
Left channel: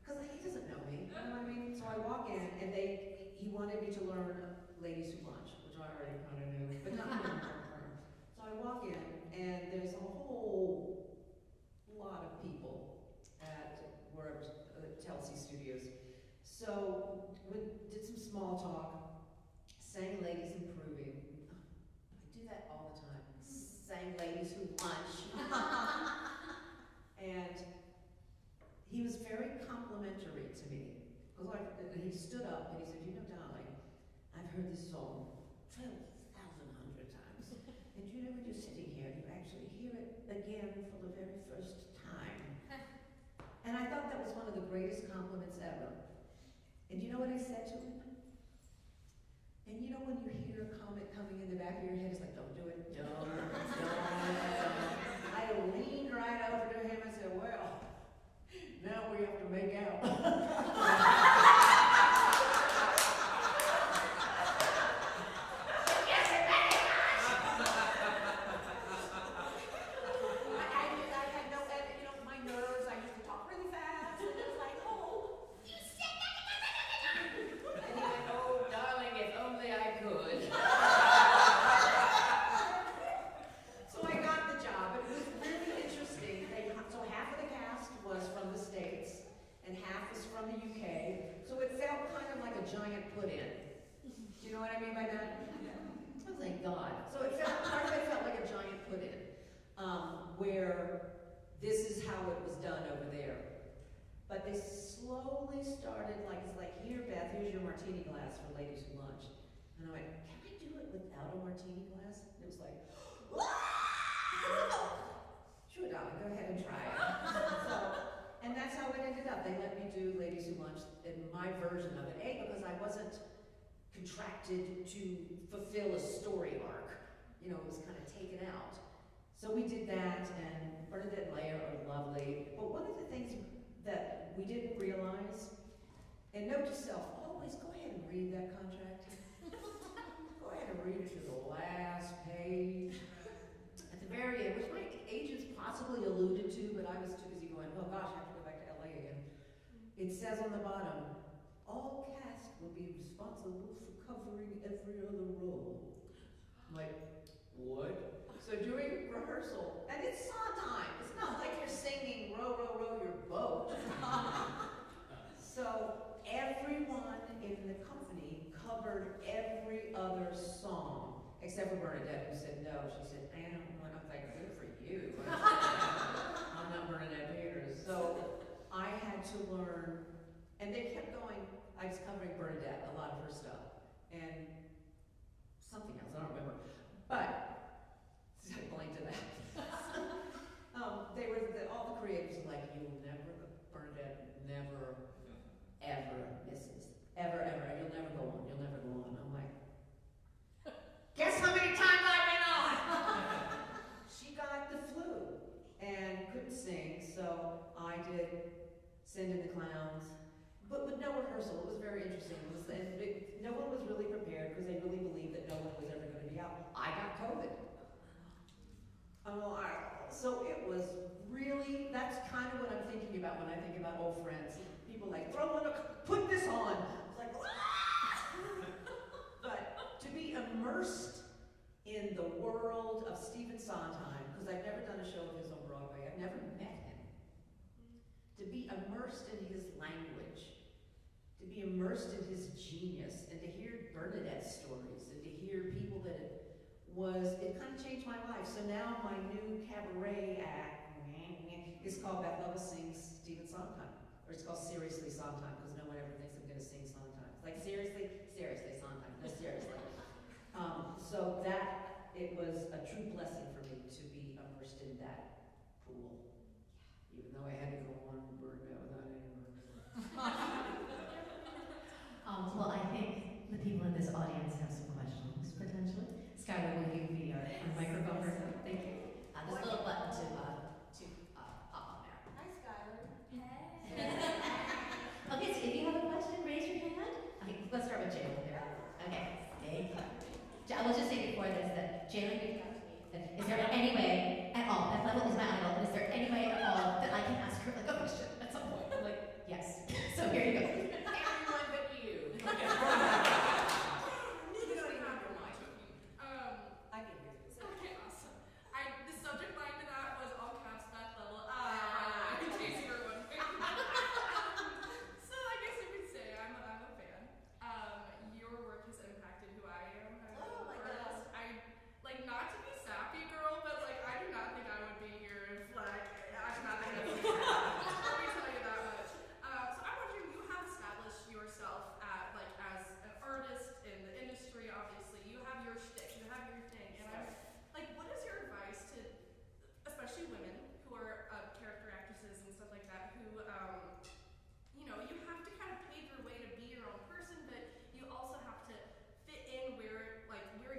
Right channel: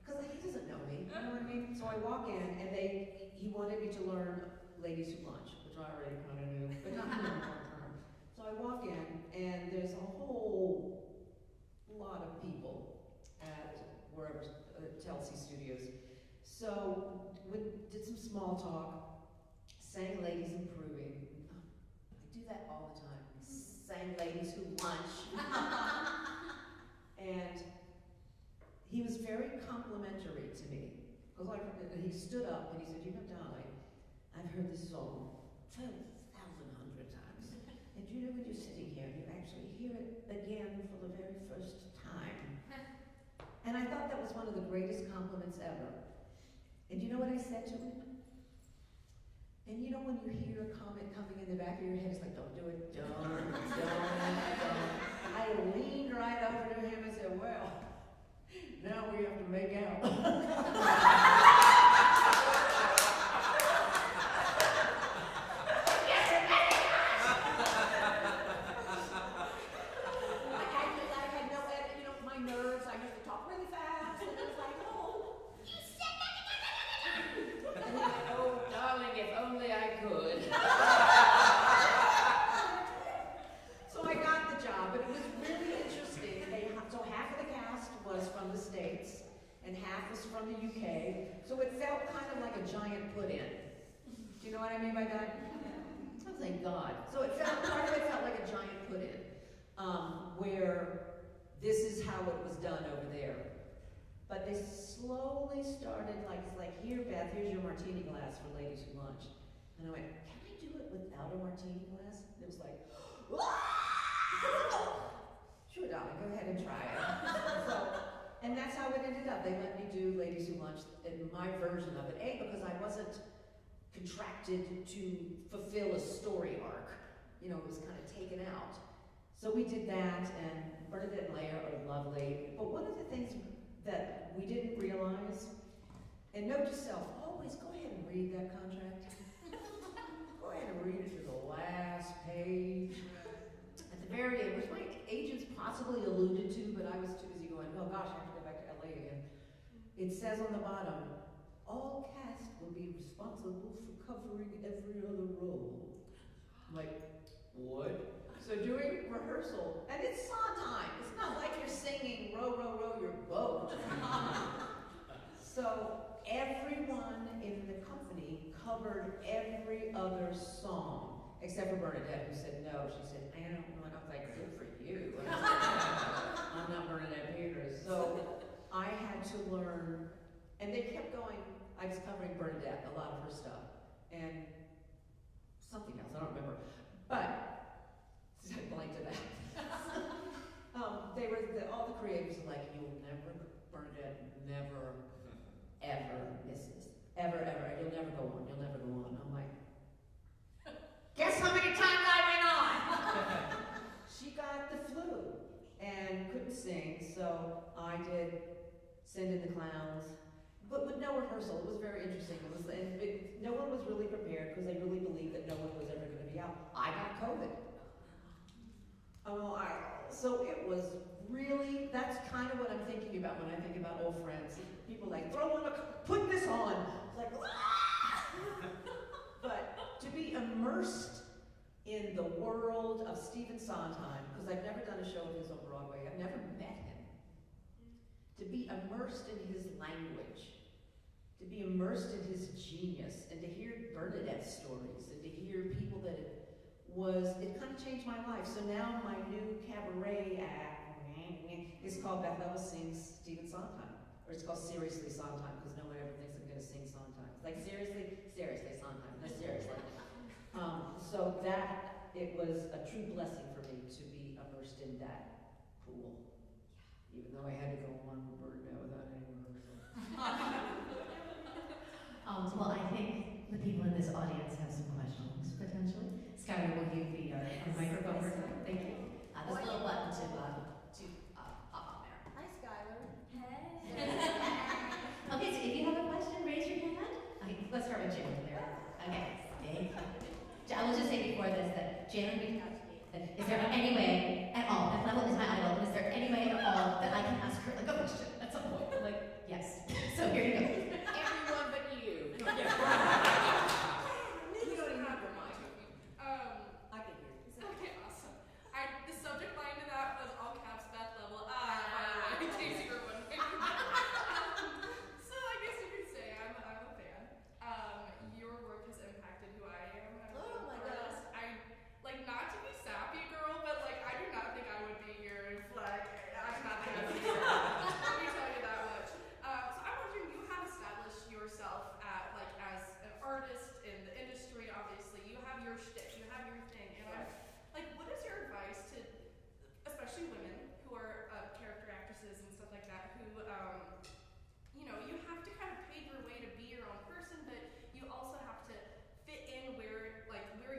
because he doesn't know me, you know what I mean? So I walk in and he wanted me to learn Ladies Who Lunch, which I already kind of knew, but not in long term. So I walk in and there's a whole lot of people at wherever, Telsey Studios. So we did some small talk, sang Ladies Improving. I do that all the time. Sang Ladies Who Lunch. And he was very complimentary to me. And he stood up and he said, you know, darling, I've heard this song 12,100 times. And you know when you're sitting here, you actually hear it again for the very first time. And I thought that was one of the greatest compliments ever. And you know what I said to him? And you know when you hear a comment coming in the back of your head, it's like, don't do it, don't. I leaned right over to him and said, well, now we have to make out. Thank God. So part of it felt like a giant put-in, where this is how it was done over there. But they slowly started, it's like, here, Beth, here's your martini glass for Ladies Who Lunch. And I went, can I do it without a martini glass? And it was like, sure, darling, go ahead and try it. And that's how it ended up. They let me do Ladies Who Lunch in my version of it. Because I wasn't contracted to fulfill a story arc. You know, it was kind of taken out. So we did that, and Bernadette and Leah are lovely. But one of the things that we didn't realize, and note to self, always go ahead and read that contract. Go ahead and read it to the last page. At the very end, which my agents possibly alluded to, but I was too busy going, oh gosh, I have to go back to LA again. It says on the bottom, all cast will be responsible for covering every other role. I'm like, what? So doing rehearsal, and it's Sondheim. It's not like you're singing row, row, row your boat. So everyone in the company covered every other song, except for Bernadette, who said no. She said, I don't know. I was like, good for you. I'm not Bernadette Peters. So I had to learn, and they kept going. I was covering Bernadette, a lot of her stuff, and something else, I don't remember. But, blank to that. All the creators were like, you'll never, Bernadette never, ever misses. Ever, ever. You'll never go on. You'll never go on. I'm like, guess how many times I went on? She got the flu and couldn't sing, so I did Send in the Clowns, but with no rehearsal. It was very interesting. No one was really prepared because they really believed that no one was ever going to be out. I got COVID. So it was really, that's kind of what I'm thinking about when I think about old friends. People like, put this on. It's like, but to be immersed in the world of Stephen Sondheim, because I've never done a show of his on Broadway, I've never met him. To be immersed in his language, to be immersed in his genius, and to hear Bernadette's stories, and to hear people that it kind of changed my life. So now my new cabaret act is called Beth Leavel Sings Stephen Sondheim. Or it's called Seriously Sondheim, because no one ever thinks I'm going to sing Sondheim. It's like, seriously Sondheim. No, seriously. So that, it was a true blessing for me to be immersed in that pool. Even though I had to go on and burn out without any rehearsal. Well, I think the people in this audience have some questions, potentially. Skylar, will you be our microphone person? Thank you. This little button to pop on there. Hi, Skylar. Okay, so if you have a question, raise your hand. Let's start with Jalen there. Okay, thank you. I will just say before this that Jalen reached out to me. And is there any way at all, Beth Leavel is my idol, and is there any way at all that I can ask her like a question at some point? I'm like, yes. So here you go. Everyone but you. You don't even have your mic. I can hear you. Okay, awesome. The subject line to that was all caps Beth Leavel. By the way, in case you were wondering. So I guess you could say I'm a fan. Your work has impacted who I am. Oh my artist. Not to be sappy, girl, but I do not think I would be here if I do not think I would be here. Let me tell you that much. So I'm wondering, you have established yourself as an artist in the industry. Obviously, you have your shtick, you have your thing, and what is your advice to, especially women who are character actresses and stuff like that, who you have to kind of pave your way to be your own person, but you also have to fit in where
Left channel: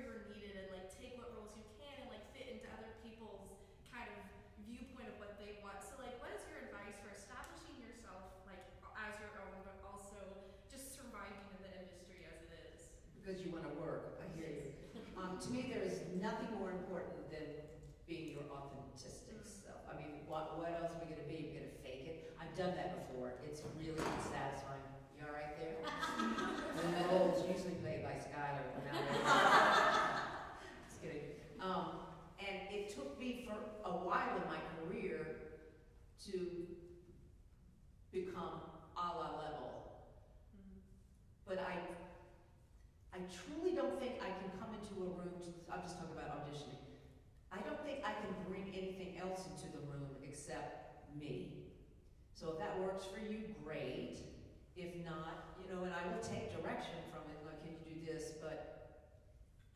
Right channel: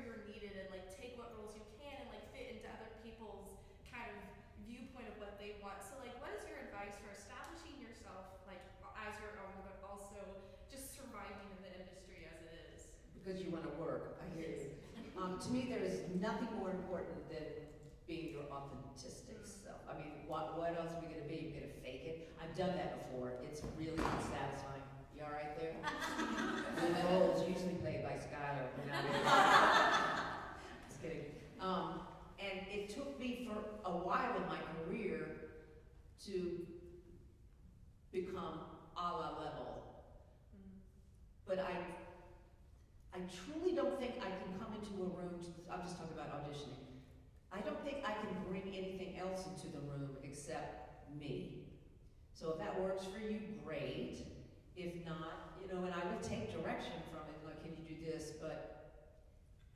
you're needed and take what roles you can and fit into other people's kind of viewpoint of what they want. So what is your advice for establishing yourself as your own, but also just surviving in the industry as it is? Because you want to work, I hear you. To me, there is nothing more important than being your authentic self. I mean, what else are we going to be? We're going to fake it? I've done that before. It's really satisfying. You all right there? The roles usually played by Skylar. Just kidding. And it took me for a while in my career to become a la Level. But I truly don't think I can come into a room, I'm just talking about auditioning. I don't think I can bring anything else into the room except me. So if that works for you, great. If not, and I will take direction from it, can you do this? But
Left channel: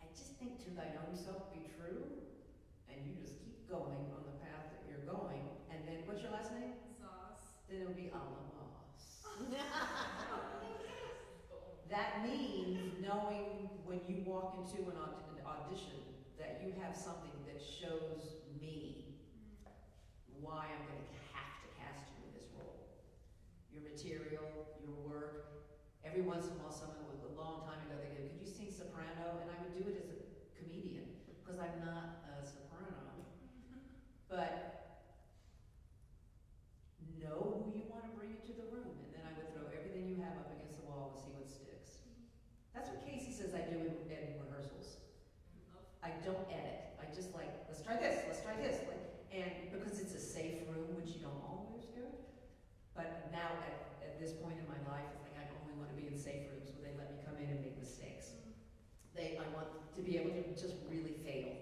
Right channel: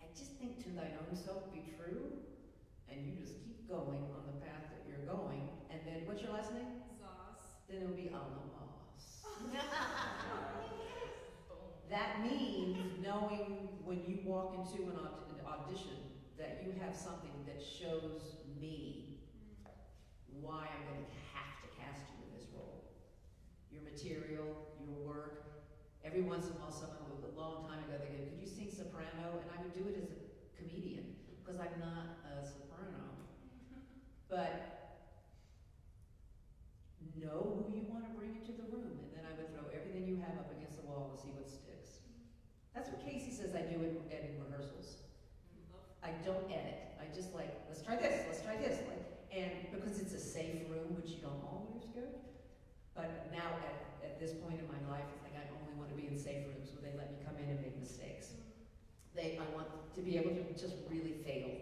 I just think to thine own self be true, and you just keep going on the path that you're going. And then, what's your last name? Zos. Then it'll be a la boss. That means knowing when you walk into an audition that you have something that shows me why I'm going to have to cast you in this role. Your material, your work. Every once in a while, someone with a long time ago, they go, could you sing soprano? And I would do it as a comedian, because I'm not a soprano. But know who you want to bring into the room, and then I would throw everything you have up against the wall and see what sticks. That's what Casey says I do in rehearsals. I don't edit. I just like, let's try this, like, and because it's a safe room, which you don't always do. But now at this point in my life, it's like I only want to be in safe rooms where they let me come in and make mistakes. I want to be able to just really fail,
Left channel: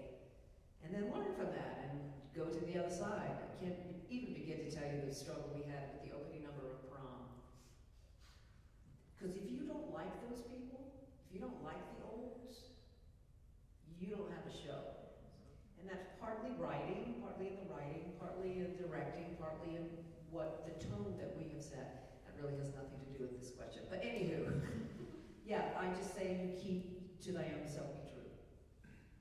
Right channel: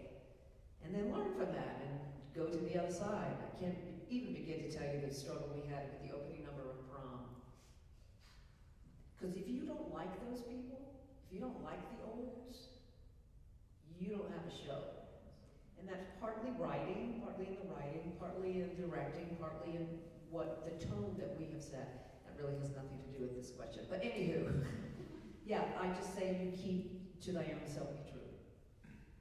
and then learn from that and go to the other side. I can't even begin to tell you the struggle we had with the opening number of Prom. Because if you don't like those people, if you don't like the olds, you don't have a show. And that's partly writing, partly in the writing, partly in directing, partly in what the tone that we have set. That really has nothing to do with this question. But anywho, yeah, I just say you keep to thy own self be true.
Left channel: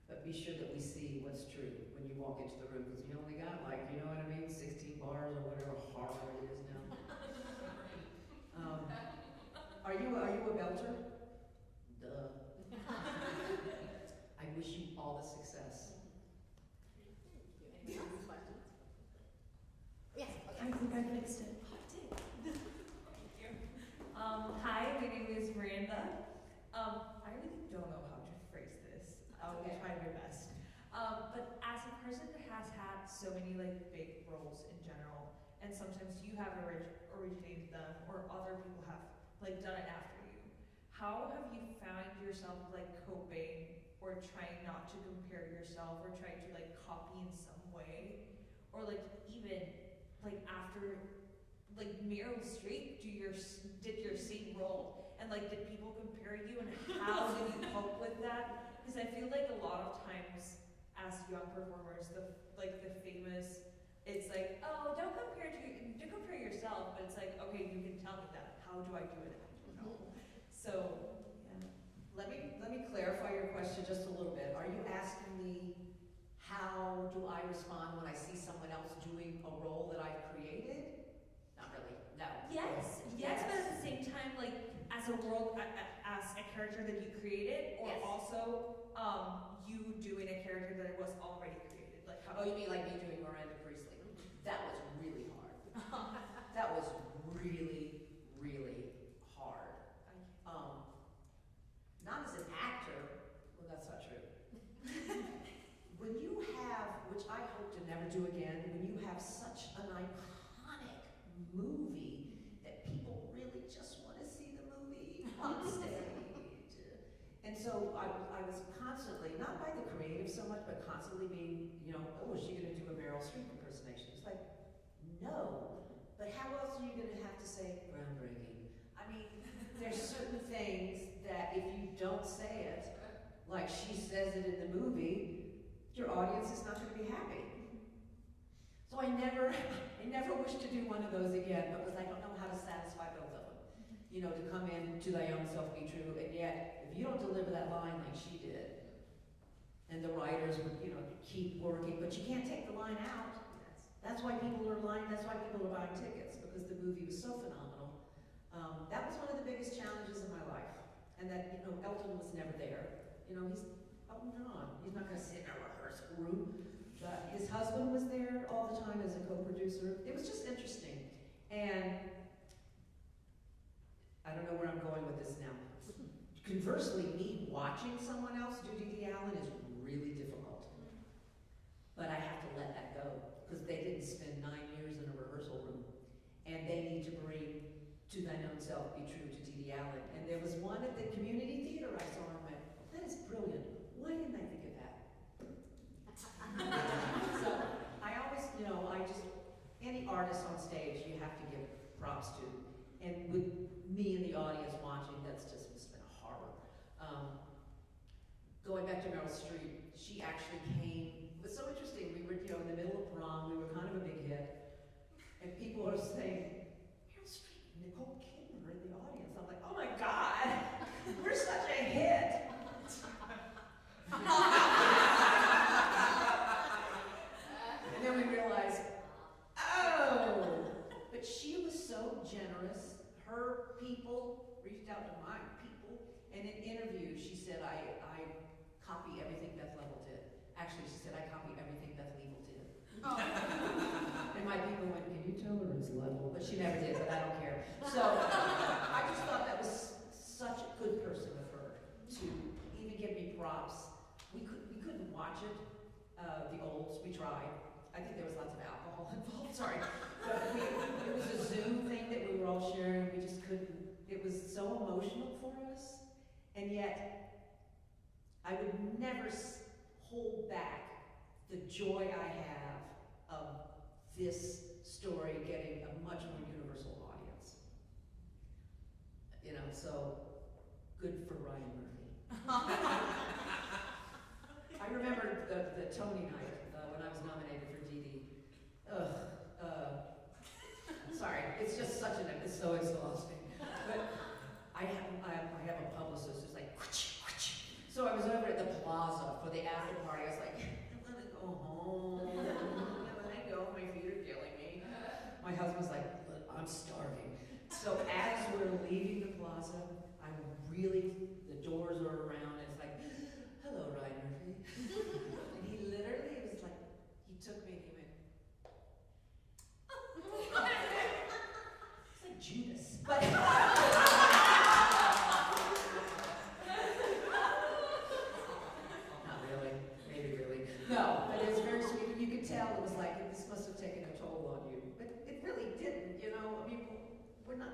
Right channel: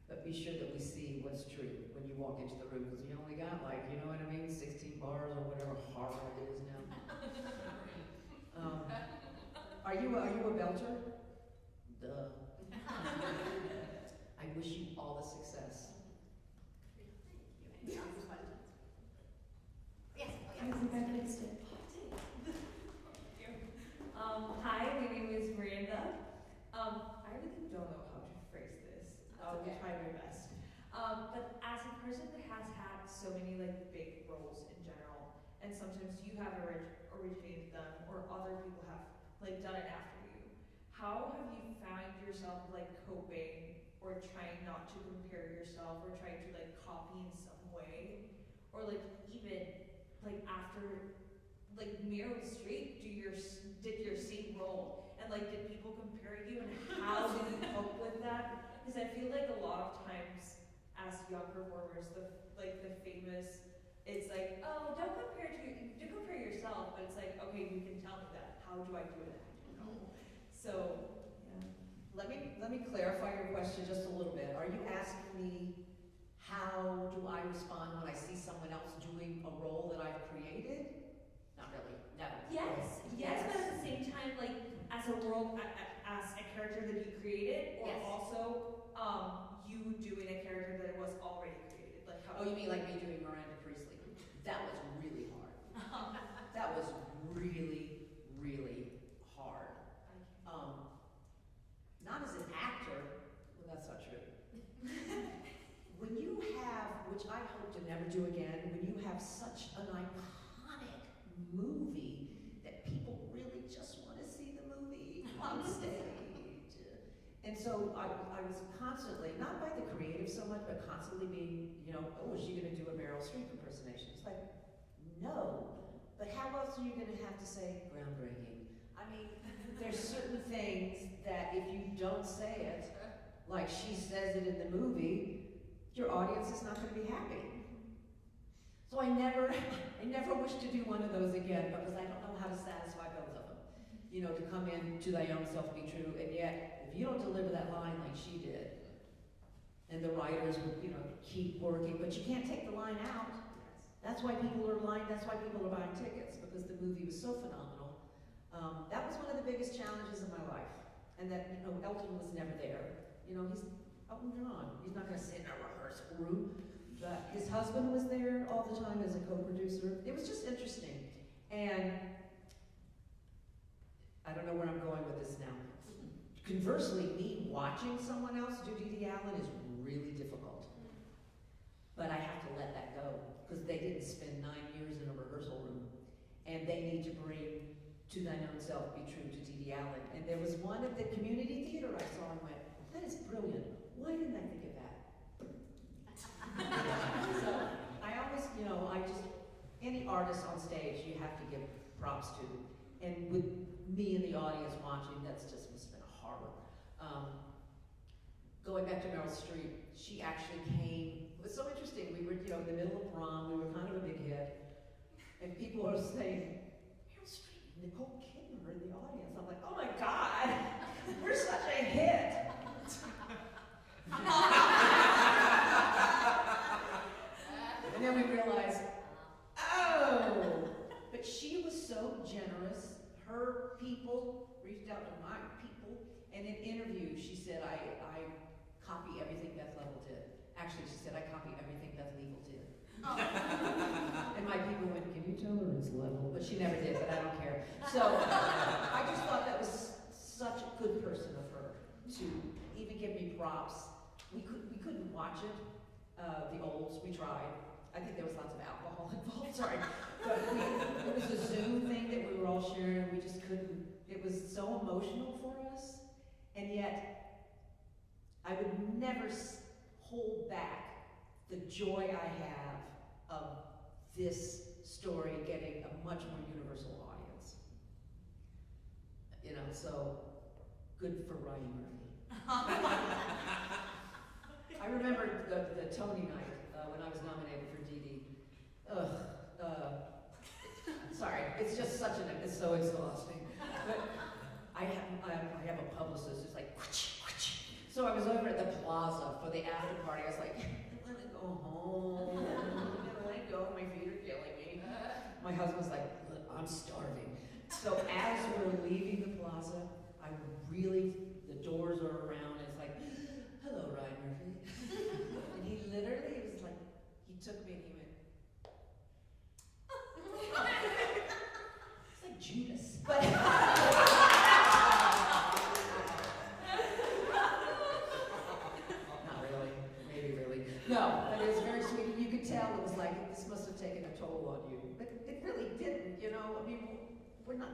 But be sure that we see what's true when you walk into the room, because you only got like, you know what I mean, 16 bars or whatever horror it is now. Are you a belter? Duh. I wish you all the success. Thank you. Any questions? Yes. I think I fixed it. Hi, my name is Miranda. I really don't know how to phrase this. I'll try my best. But as a person that has had so many like big roles in general, and sometimes you have originated them, or other people have like done it after you, how have you found yourself like coping or trying not to compare yourself or trying to like copy in some way, or like even like after like Meryl Streep did your same role, and like did people compare you, and how did you cope with that? Because I feel like a lot of times as young performers, the famous, it's like, oh, don't compare yourself, but it's like, okay, you can tell me that. How do I do it? I don't know. So yeah. Let me clarify your question just a little bit. Are you asking me how do I respond when I see someone else doing a role that I've created? Not really. No. Yes, but at the same time, like as a character that you created, or Yes. also you doing a character that was already created. Like how? Oh, you mean like me doing Miranda Priestley? That was really hard. That was really, really hard. Not as an actor, well, that's not true. When you have, which I hope to never do again, when you have such an iconic movie that people really just want to see the movie on stage. And so I was constantly, not by the creative so much, but constantly being, oh, is she going to do a Meryl Streep impersonation? It's like, no. But how else are you going to have to say groundbreaking? I mean, there's certain things that if you don't say it, like she says it in the movie, your audience is not going to be happy. So I never wish to do one of those again, because I don't know how to satisfy both of them. To come in to thy own self be true, and yet if you don't deliver that line like she did, and the writers would, keep working, but you can't take the line out. That's why people are buying tickets, because the movie was so phenomenal. That was one of the biggest challenges of my life, and that Elton was never there. He's Elton John. He's not going to sit in a rehearsal room. But his husband was there all the time as a co-producer. It was just interesting, and I don't know where I'm going with this now. Conversely, me watching someone else do Didi Allen is really difficult. But I have to let that go, because they didn't spend 9 years in a rehearsal room, and they need to bring To Thine Own Self Be True to Didi Allen. And there was one at the community theater I saw and went, that is brilliant. Why didn't I think of that? So I always, any artist on stage you have to give props to. And with me in the audience watching, that's just must have been a horror. Going back to Meryl Streep, she actually came, it was so interesting, we were in the middle of Prom, we were kind of a big hit, and people are saying, Meryl Streep, Nicole Kidman are in the audience. I'm like, oh my God, we're such a hit. And then we realized, oh, but she was so generous. Her people reached out to my people, and in interviews she said, I copy everything Beth Leavel did. Actually, she said, I copy everything Beth Leavel did. And my people went, can you tell her it's Leavel? But she never did, but I don't care. So I just thought that was such a good person of her to even give me props. We couldn't watch it the olds, we tried. I think there was lots of alcohol involved, sorry. But it was a Zoom thing that we were all sharing, we just couldn't, it was so emotional for us, and yet I would never hold back the joy I have of this story getting a much more universal audience. You know, so good for Ryan Murphy. I remember the Tony night when I was nominated for Dee Dee. Sorry, it's just such it's so exhausting. But I have a publicist who's like, so I was over at the plaza for the after party. I was like, I want to go home. I want to go. My feet are killing me. My husband's like, look, I'm starving. So as we're leaving the plaza, the doors are around, and it's like, hello, Ryan Murphy. And he literally, it was like, he took me and he went, it's like Judas. But not really, maybe really. No, but it was very sweet. You could tell it was like, this must have taken a toll on you. But it really didn't, you know. I mean, we're not,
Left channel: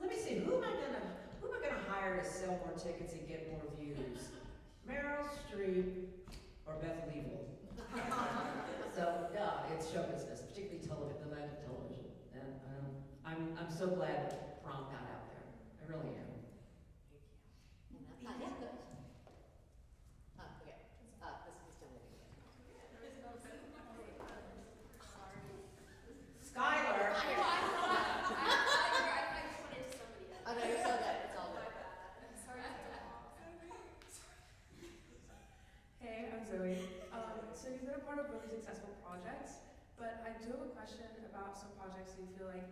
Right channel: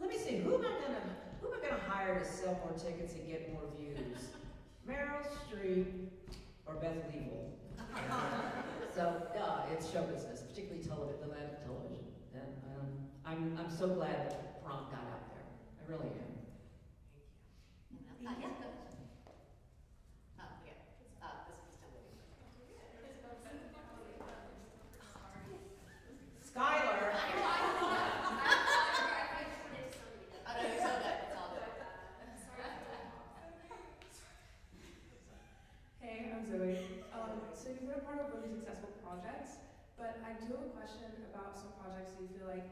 let me see, who am I gonna hire to sell more tickets and get more views? Meryl Streep or Beth Leavel? So, it's show business, particularly the land of television. And I'm so glad that prom got out there. I really am. Thank you. Okay. This is still living. Skylar! Oh, no, you're so good. It's all good. Hey, I'm Zoe. So you've been a part of really successful projects, but I do have a question about some projects that you feel like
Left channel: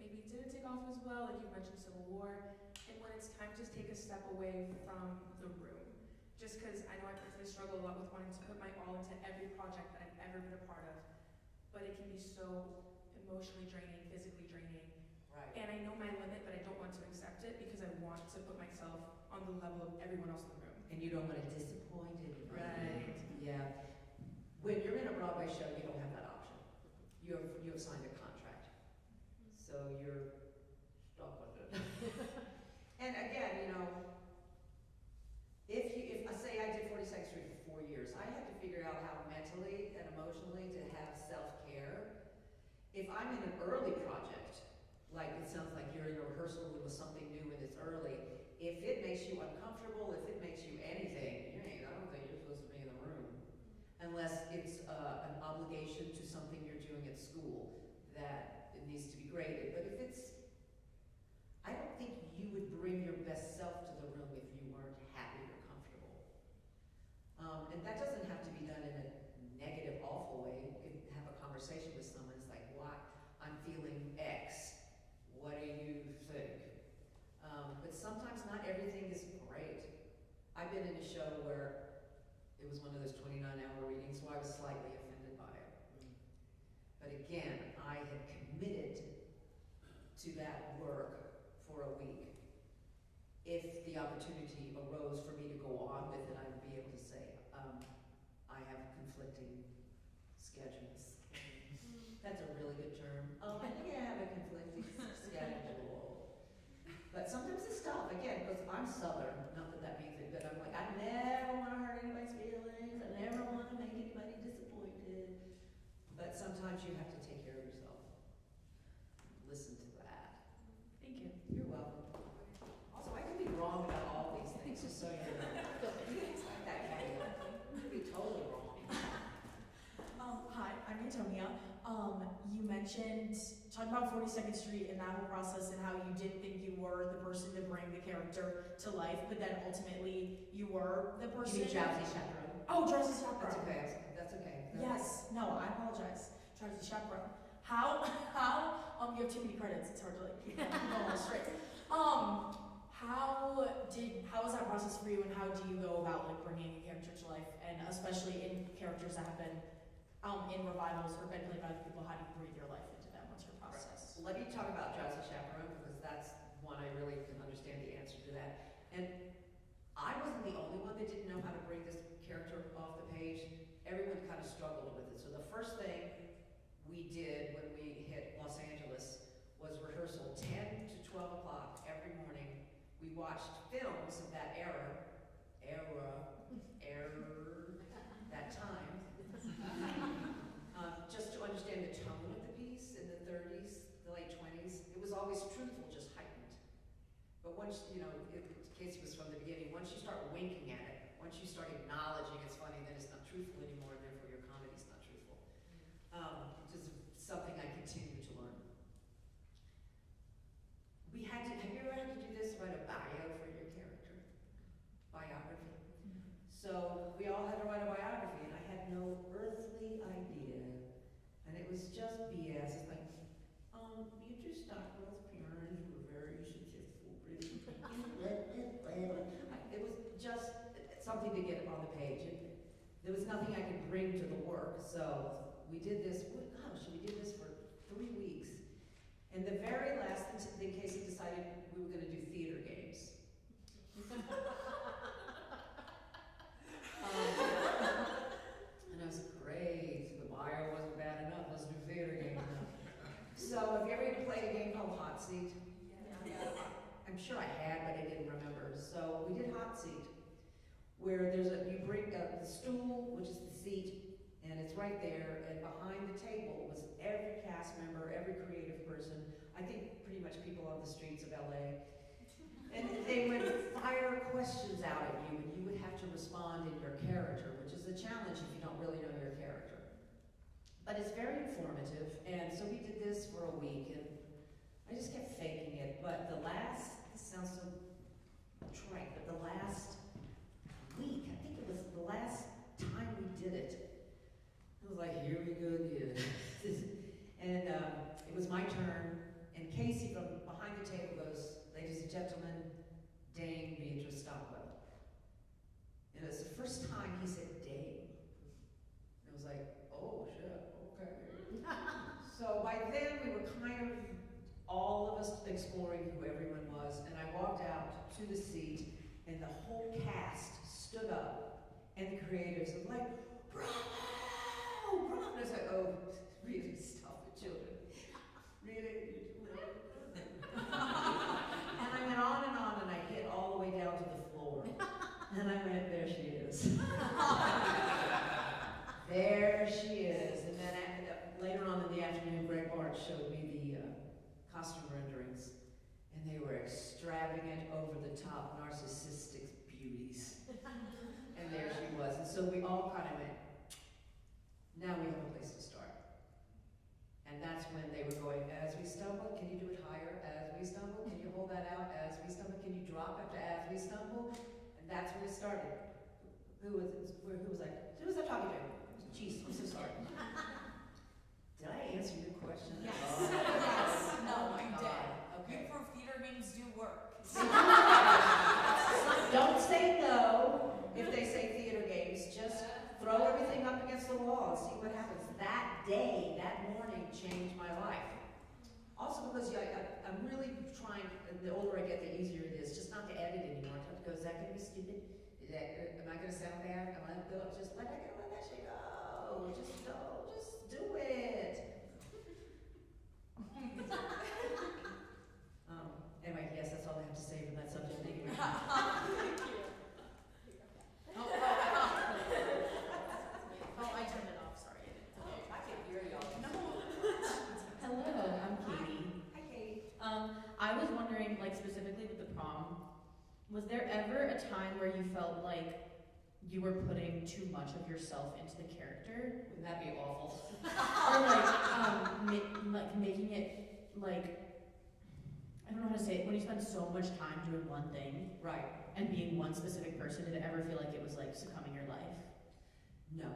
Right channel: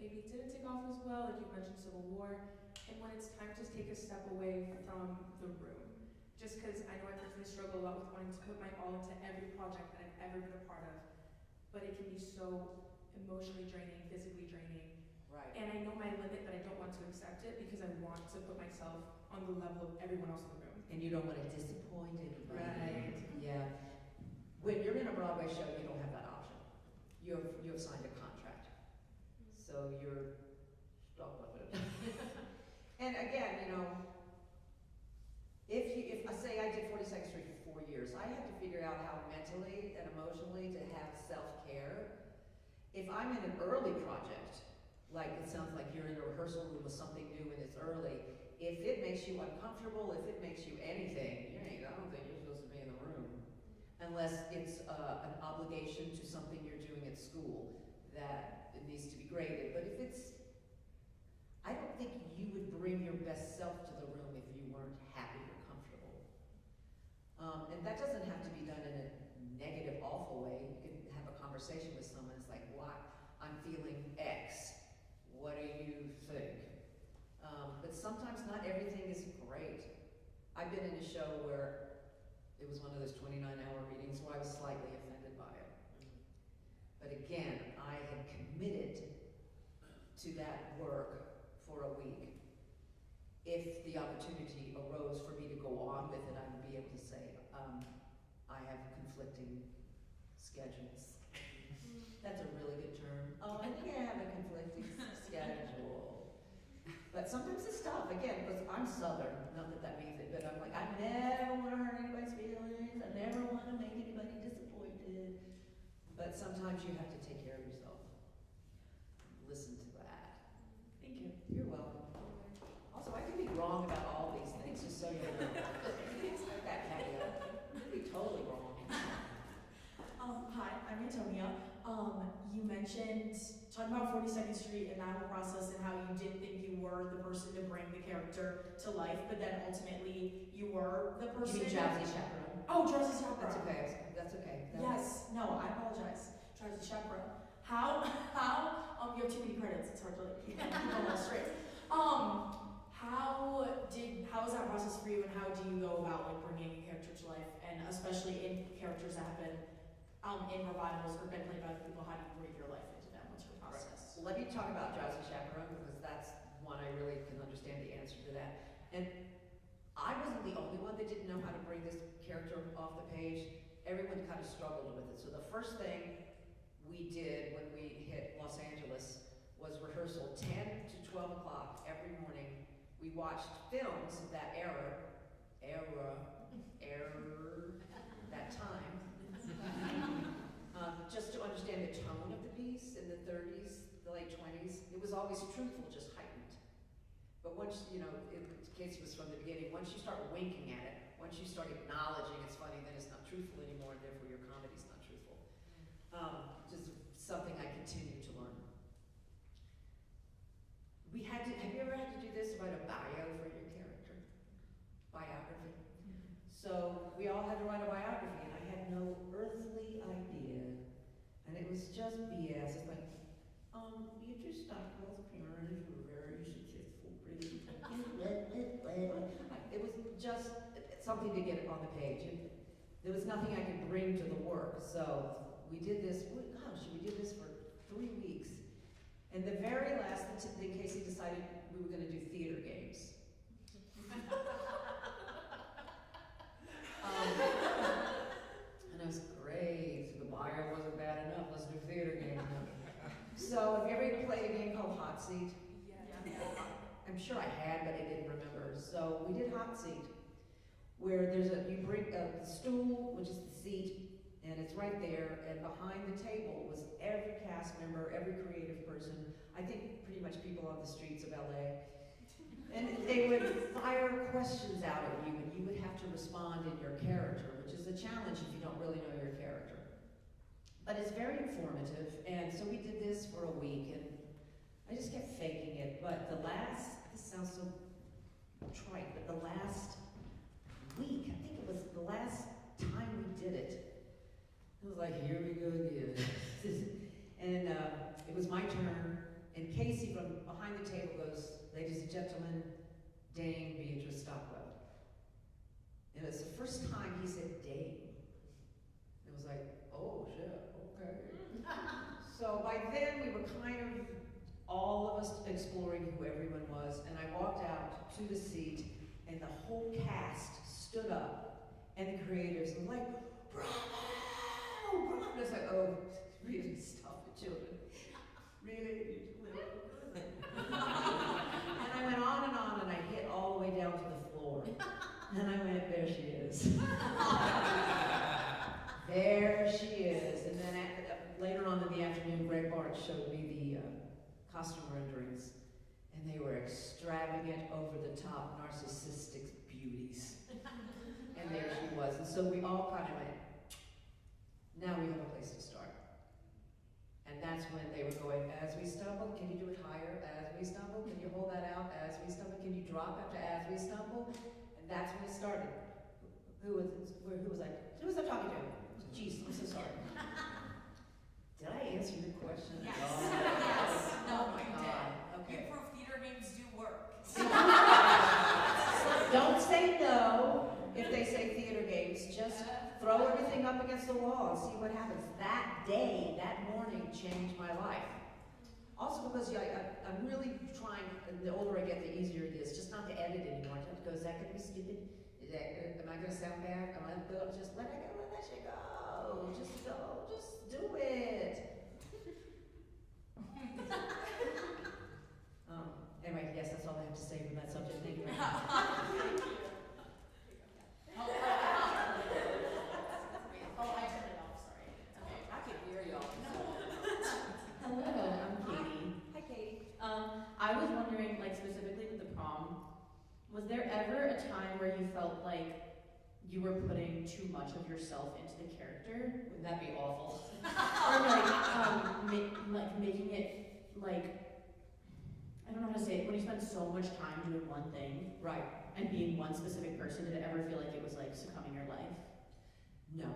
maybe didn't take off as well, like you mentioned Civil War, and when it's time to take a step away from the room. Just because I know I personally struggle a lot with wanting to put my all into every project that I've ever been a part of, but it can be so emotionally draining, physically draining. Right. And I know my limit, but I don't want to accept it because I want to put myself on the level of everyone else in the room. And you don't want to disappoint anybody. Right. Yeah. When you're in a Broadway show, you don't have that option. You have signed a contract. So you're stuck with it. And again, you know, if I say I did 42nd Street for 4 years, I had to figure out how mentally and emotionally to have self-care. If I'm in an early project, like it sounds like you're in a rehearsal room with something new and it's early, if it makes you uncomfortable, if it makes you anything, I don't think you're supposed to be in the room. Unless it's an obligation to something you're doing at school that it needs to be graded. But if it's, I don't think you would bring your best self to the room if you weren't happy or comfortable. And that doesn't have to be done in a negative, awful way. You can have a conversation with someone. It's like, why? I'm feeling X. What do you think? But sometimes not everything is great. I've been in a show where it was one of those 29-hour readings, so I was slightly offended by it. But again, I had committed to that work for a week. If the opportunity arose for me to go on with it, I would be able to say, I have conflicting schedules. That's a really good term. Oh, I think I have a conflicting schedule. But sometimes it's tough, again, because I'm Southern, not that that means it, but I'm like, I never want to hurt anybody's feelings, I never want to make anybody disappointed. But sometimes you have to take care of yourself. Listen to that. Thank you. You're welcome. Also, I can be wrong about all these things, just so you know. That caveat. I can be totally wrong. Hi, I'm Antonia. You mentioned talking about 42nd Street and that whole process and how you didn't think you were the person to bring the character to life, but then ultimately you were the person. You mean Drowsy Chaperone? Oh, Drowsy Chaperone. That's okay. That's okay. Yes. No, I apologize. Drowsy Chaperone. How? You have too many credits. It's hard to like keep them all straight. How was that process for you, and how do you go about like bringing a character to life, and especially in characters that have been in revivals or been played by other people? How do you breathe your life into them? What's your process? Right. Let me talk about Drowsy Chaperone, because that's one I really can understand the answer to that. And I wasn't the only one that didn't know how to bring this character off the page. everyone kind of struggled with it. So the first thing we did when we hit Los Angeles was rehearsal 10 to 12 o'clock every morning. We watched films of that that time, just to understand the tone of the piece in the 30s, the late 20s. It was always truthful, just heightened. But once, Casey was from the beginning, once you start winking at it, once you start acknowledging it's funny, then it's not truthful anymore, and therefore your comedy's not truthful. Which is something I continue to learn. Have you ever had to do this, write a bio for your character? Biography? So we all had to write a biography, and I had no earthly idea. And it was just BS. It's like, Beatrice Stockwell's parents were very successful, pretty. It was just something to get on the page. There was nothing I could bring to the work. So we did this, we did this for 3 weeks. And the very last thing, Casey decided we were going to do theater games. And I was great. The bio wasn't bad enough. Let's do theater games now. So have you ever played a game called Hot Seat? Yeah. I'm sure I had, but I didn't remember. So we did Hot Seat, where you bring the stool, which is the seat, and it's right there, and behind the table was every cast member, every creative person, I think pretty much people on the streets of LA. And they would fire questions out at you, and you would have to respond in your character, which is a challenge if you don't really know your character. But it's very informative, and so we did this for a week, and I just kept faking it. But this sounds so trite, but the last week, I think it was the last time we did it, it was like, here we go again. And it was my turn, and Casey from behind the table goes, ladies and gentlemen, Dame Beatrice Stockwell. And it's the first time he said Dame. It was like, oh shit, okay. So by then we were kind of, all of us exploring who everyone was, and I walked out to the seat, and the whole cast stood up, and the creators were like, bravo! Bravo! And I was like, oh, really, stop it, children. Really? And I went on, and I hit all the way down to the floor. And I went, there she is. There she is. And then later on in the afternoon, Greg Bart showed me the costume renderings. And they were extravagant, over-the-top, narcissistic beauties. And there she was. And so we all kind of went, now we have a place to start. And that's when they were going, as we stumble, can you do it higher? As we stumble, can you hold that out? As we stumble, can you drop after as we stumble? And that's when it started. Who was I talking to? Jeez, I'm so sorry. Did I answer your question? Yes. Oh, Yes. oh my You God. did. Okay. You prove theater games do work. Don't say no if they say theater games. Just throw everything up against the wall and see what happens. That day, that morning, changed my life. Also because I'm really trying, the older I get, the easier it is, just not to edit anymore. I don't go, is that going to be stupid? Am I going to sound bad? Am I going to just let it go, let that shit go. Just go, just do it. Anyway, yes, that's all I have to say from that subject. Thank you very much. Oh, I turned it off, sorry. I can hear y'all. Hello, I'm Katie. Hi, Kate. I was wondering, like specifically with the prom, was there ever a time where you felt like you were putting too much of yourself into the character? Wouldn't that be awful? Or like making it like, I don't know how to say it, when you spend so much time doing one thing Right. and being one specific person, did it ever feel like it was like succumbing your life? No.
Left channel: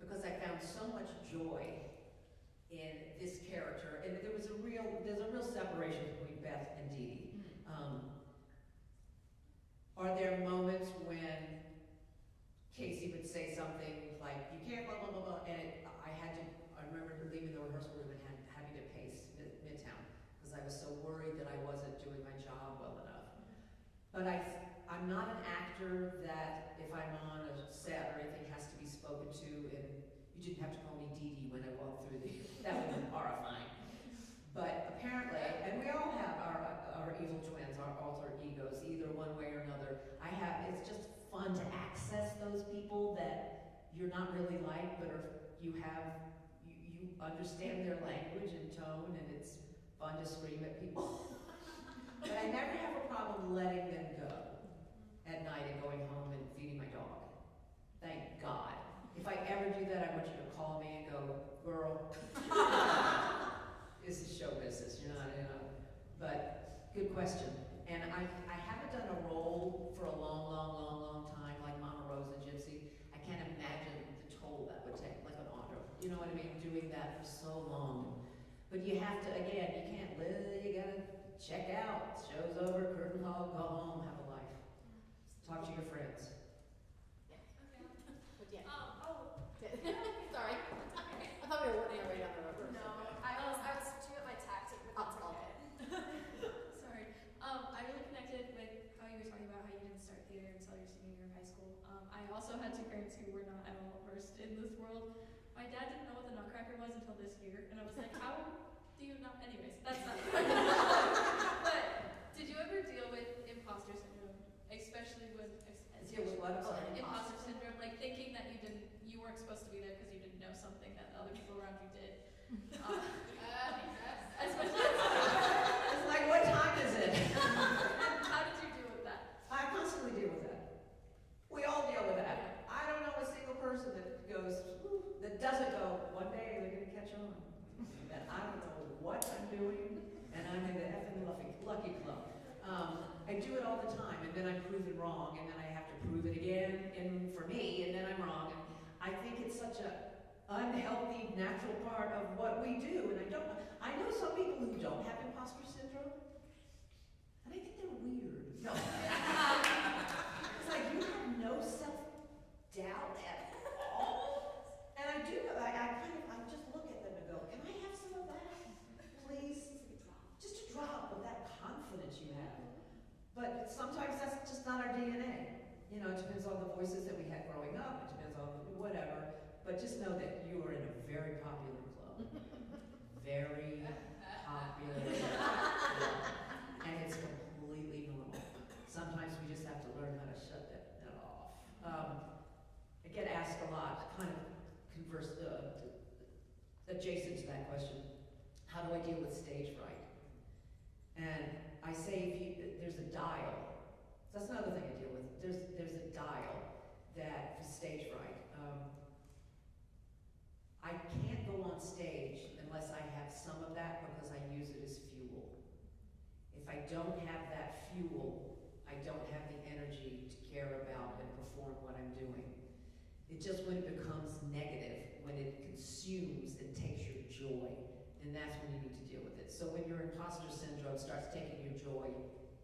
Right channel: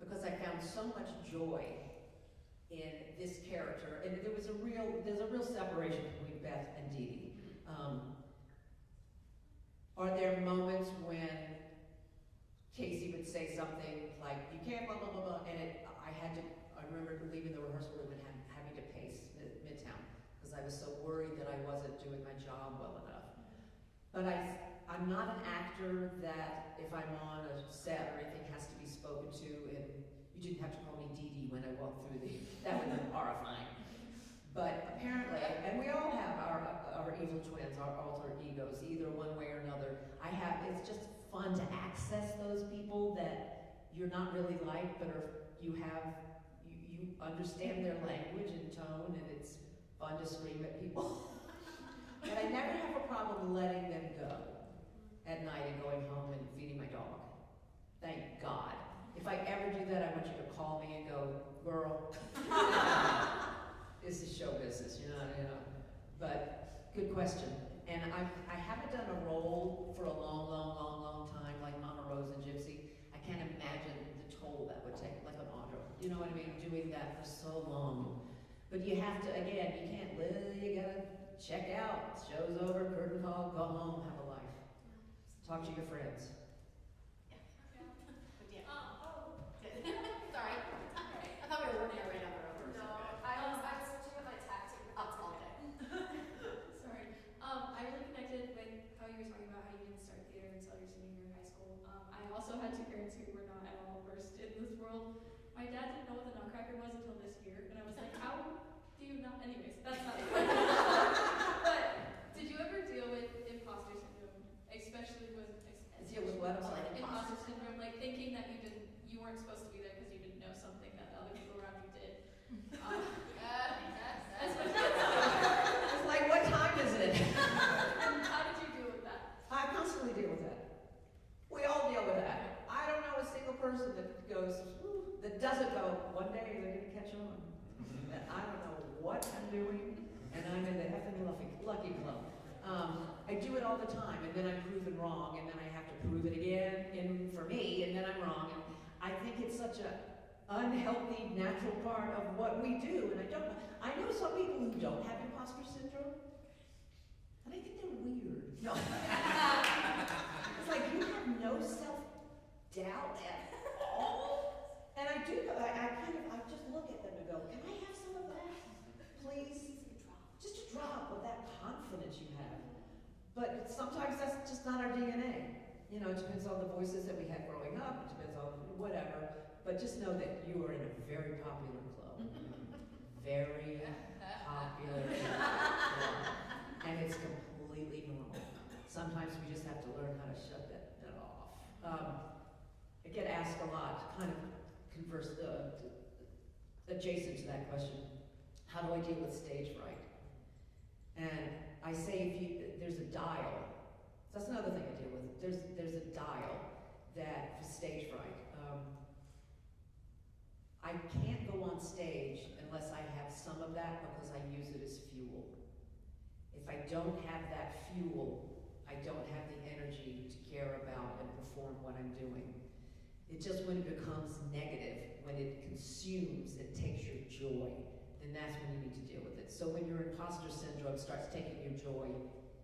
Because I found so much joy in this character, and there's a real separation between Beth and Dee Dee. Are there moments when Casey would say something like, you can't blah, blah, blah, blah, and I remember leaving the rehearsal room and having to pace Midtown, because I was so worried that I wasn't doing my job well enough. But I'm not an actor that if I'm on a set or anything has to be spoken to, and you didn't have to call me Dee Dee when I walked through that would be horrifying. But apparently, and we all have our evil twins, our alter egos, either one way or another. It's just fun to access those people that you're not really like, but you understand their language and tone, and it's fun to scream at people. But I never have a problem letting them go at night and going home and feeding my dog. Thank God. If I ever do that, I want you to call me and go, girl, this is show business, you know. But good question. And I haven't done a role for a long time, like Mama Rose and Gypsy. I can't imagine the toll that would take, like an Audra. You know what I mean? Doing that for so long. But you have to, again, you can't live, you gotta check out. Show's over, curtain call, go home, have a life. Talk to your friends. Sorry. I thought we were working our way down the road. No, I'm switching up my tactic. I'll okay. Sorry. I really connected with how you were talking about how you didn't start theater until your senior year of high school. I also had two parents who were not at all versed in this world. My dad didn't know what the Nutcracker was until this year, and I was like, how do you not? Anyways, that's not. But did you ever deal with imposter syndrome, especially with Deal with what? I'm sorry. imposter syndrome, like thinking that you weren't supposed to be there because you didn't know something that other people around you did. Especially. It's like, what time is it? And how did you deal with that? I constantly deal with that. We all deal with that. I don't know a single person that goes, that doesn't go, one day they're going to catch on. That I don't know what I'm doing, and I'm in the effing lucky club. I do it all the time, and then I'm proven wrong, and then I have to prove it again, and for me, and then I'm wrong. And I think it's such an unhealthy, natural part of what we do, and I know some people who don't have imposter syndrome, and I think they're weird. No. It's like, you have no self-doubt at all? And I do, I just look at them and go, can I have some of that, please? Just a drop of that confidence you have. But sometimes that's just not our DNA. You know, it depends on the voices that we had growing up, it depends on whatever. But just know that you are in a very popular club. Very popular club. And it's completely normal. Sometimes we just have to learn how to shut that off. I get asked a lot, kind of adjacent to that question, how do I deal with stage fright? And I say there's a dial. That's another thing I deal with. There's a dial that for stage fright. I can't go on stage unless I have some of that because I use it as fuel. If I don't have that fuel, I don't have the energy to care about and perform what I'm doing. It just when it becomes negative, when it consumes and takes your joy, then that's when you need to deal with it. So when your imposter syndrome starts taking your joy,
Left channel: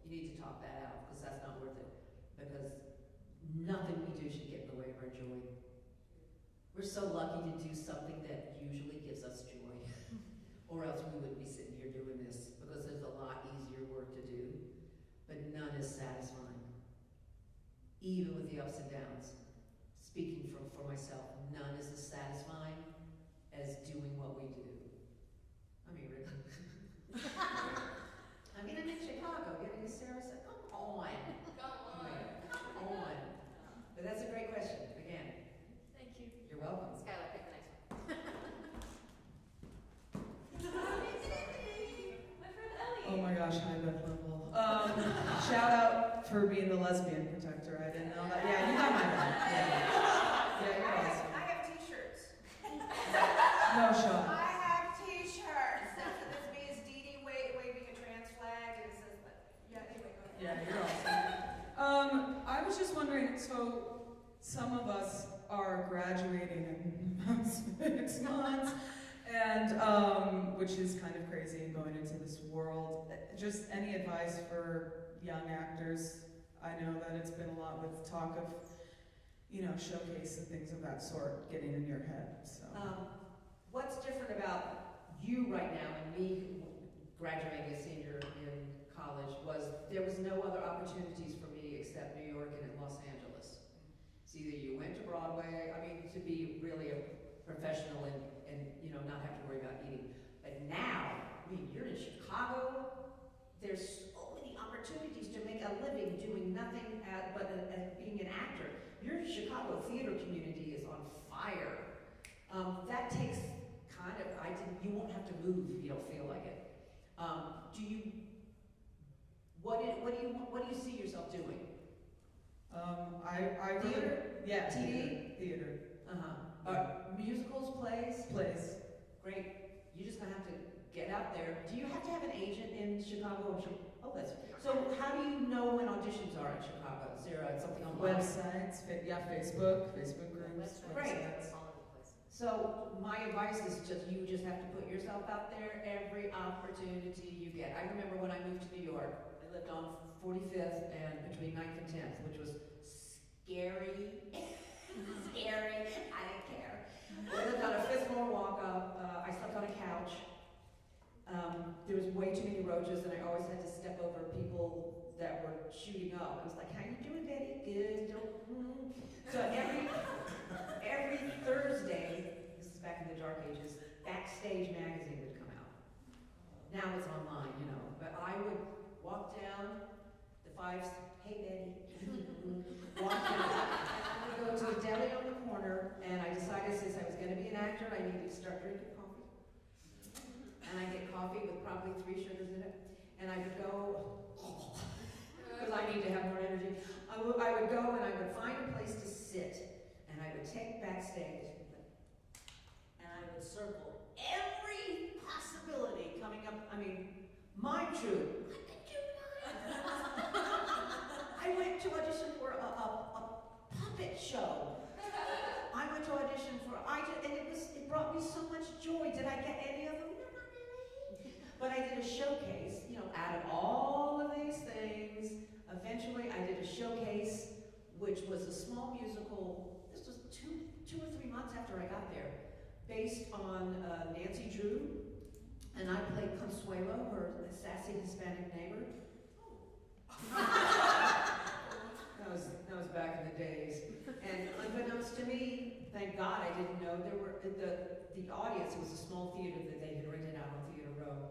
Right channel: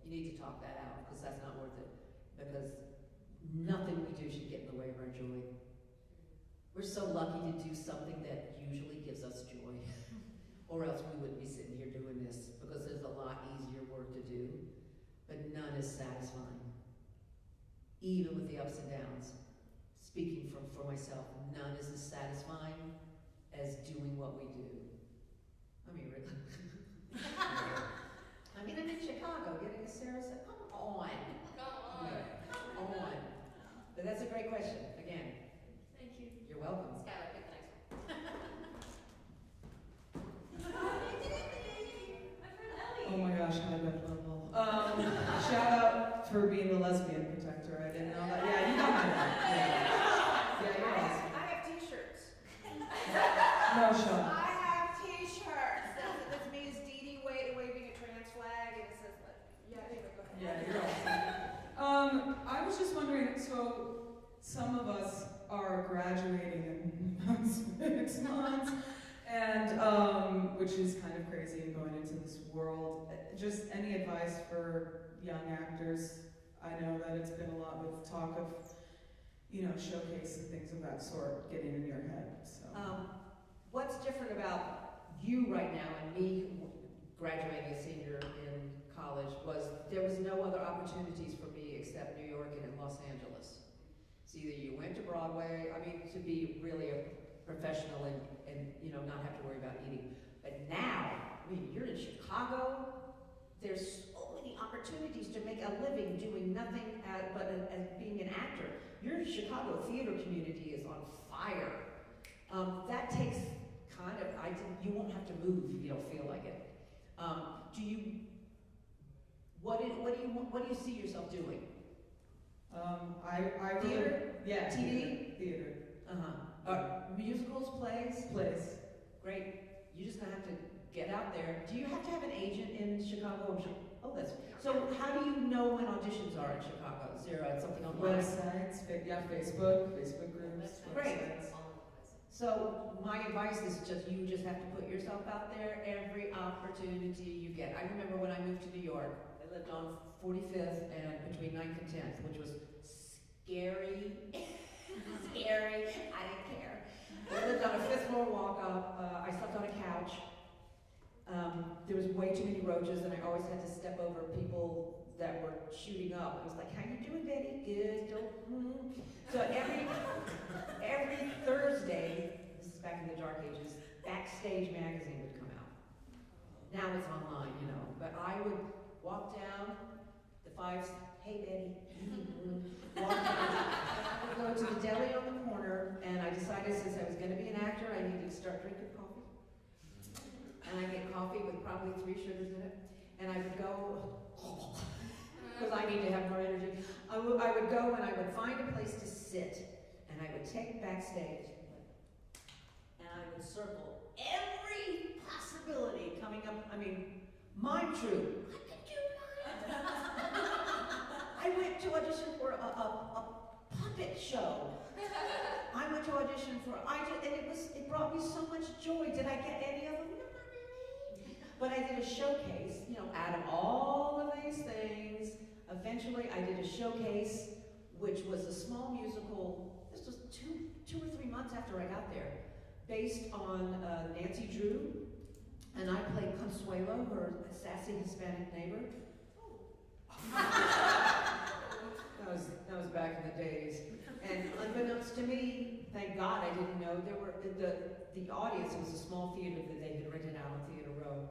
you need to talk that out because that's not worth it. Because nothing we do should get in the way of our joy. We're so lucky to do something that usually gives us joy. Or else we wouldn't be sitting here doing this because there's a lot easier work to do. But none is satisfying. Even with the ups and downs. Speaking for myself, none is as satisfying as doing what we do. I mean, really. I mean, I'm in Chicago getting a Sarah. Come on. Come on. But that's a great question. Again. Thank you. You're welcome. Skylar, pick the next one. Oh my gosh, hi Beth Leavel. Shout out for being the lesbian protector. I didn't know that. Yeah, you got my back. Yeah, you're awesome. I have t-shirts. No, Sean. I have t-shirts. That's me as Dee Dee waving a trans flag, and it says, yeah, anyway, go ahead. Yeah, you're awesome. I was just wondering, so some of us are graduating in about 6 months, and which is kind of crazy and going into this world. Just any advice for young actors? I know that it's been a lot with talk of, showcase and things of that sort getting in your head. So What's different about you right now and me graduating as senior in college was there was no other opportunities for me except New York Chicago theater community is on fire. That takes you won't have to move if you don't feel like it. What do you see yourself doing? I Theater? really, yeah, TV? theater. Musicals, plays? Plays. Great. You're just gonna have to get out there. Do you have to have an agent in Chicago? Oh, that's so. How do you know when auditions are in Chicago? Is there something online? Websites, Facebook groups, Great. websites. So my advice is you just have to put yourself out there every opportunity you get. I remember when I moved to New York, I lived on 45th and between 9th and 10th, which was scary. Scary. I didn't care. I lived on a 5th floor walk up. I slept on a couch. There was way too many roaches, and I always had to step over people that were shooting up. I was like, "How you doing, Betty? Good. So every Thursday, this is back in the dark ages, Backstage magazine would come out. Now it's online, but I would walk down the 5th. Hey, Betty. Walk down. I would go to a deli on the corner, and I decided since I was going to be an actor, I needed to start drinking coffee. And I get coffee with probably 3 sugars in it, and I would go, because I need to have more energy. I would go and I would find a place to sit, and I would take Backstage, and I would circle every possibility coming up. Mime True. I went to audition for a puppet show. I went to audition for, it brought me so much joy. Did I get any of them? No, not really. But I did a showcase, out of all of these things. Eventually, I did a showcase, which was a small musical. This was two or 3 months after I got there, based on Nancy Drew, and I played Consuelo, her sassy Hispanic neighbor. That was back in the days. And unbeknownst to me, thank God I didn't know, there were the audience. It was a small theater that they had rented out on Theater Row.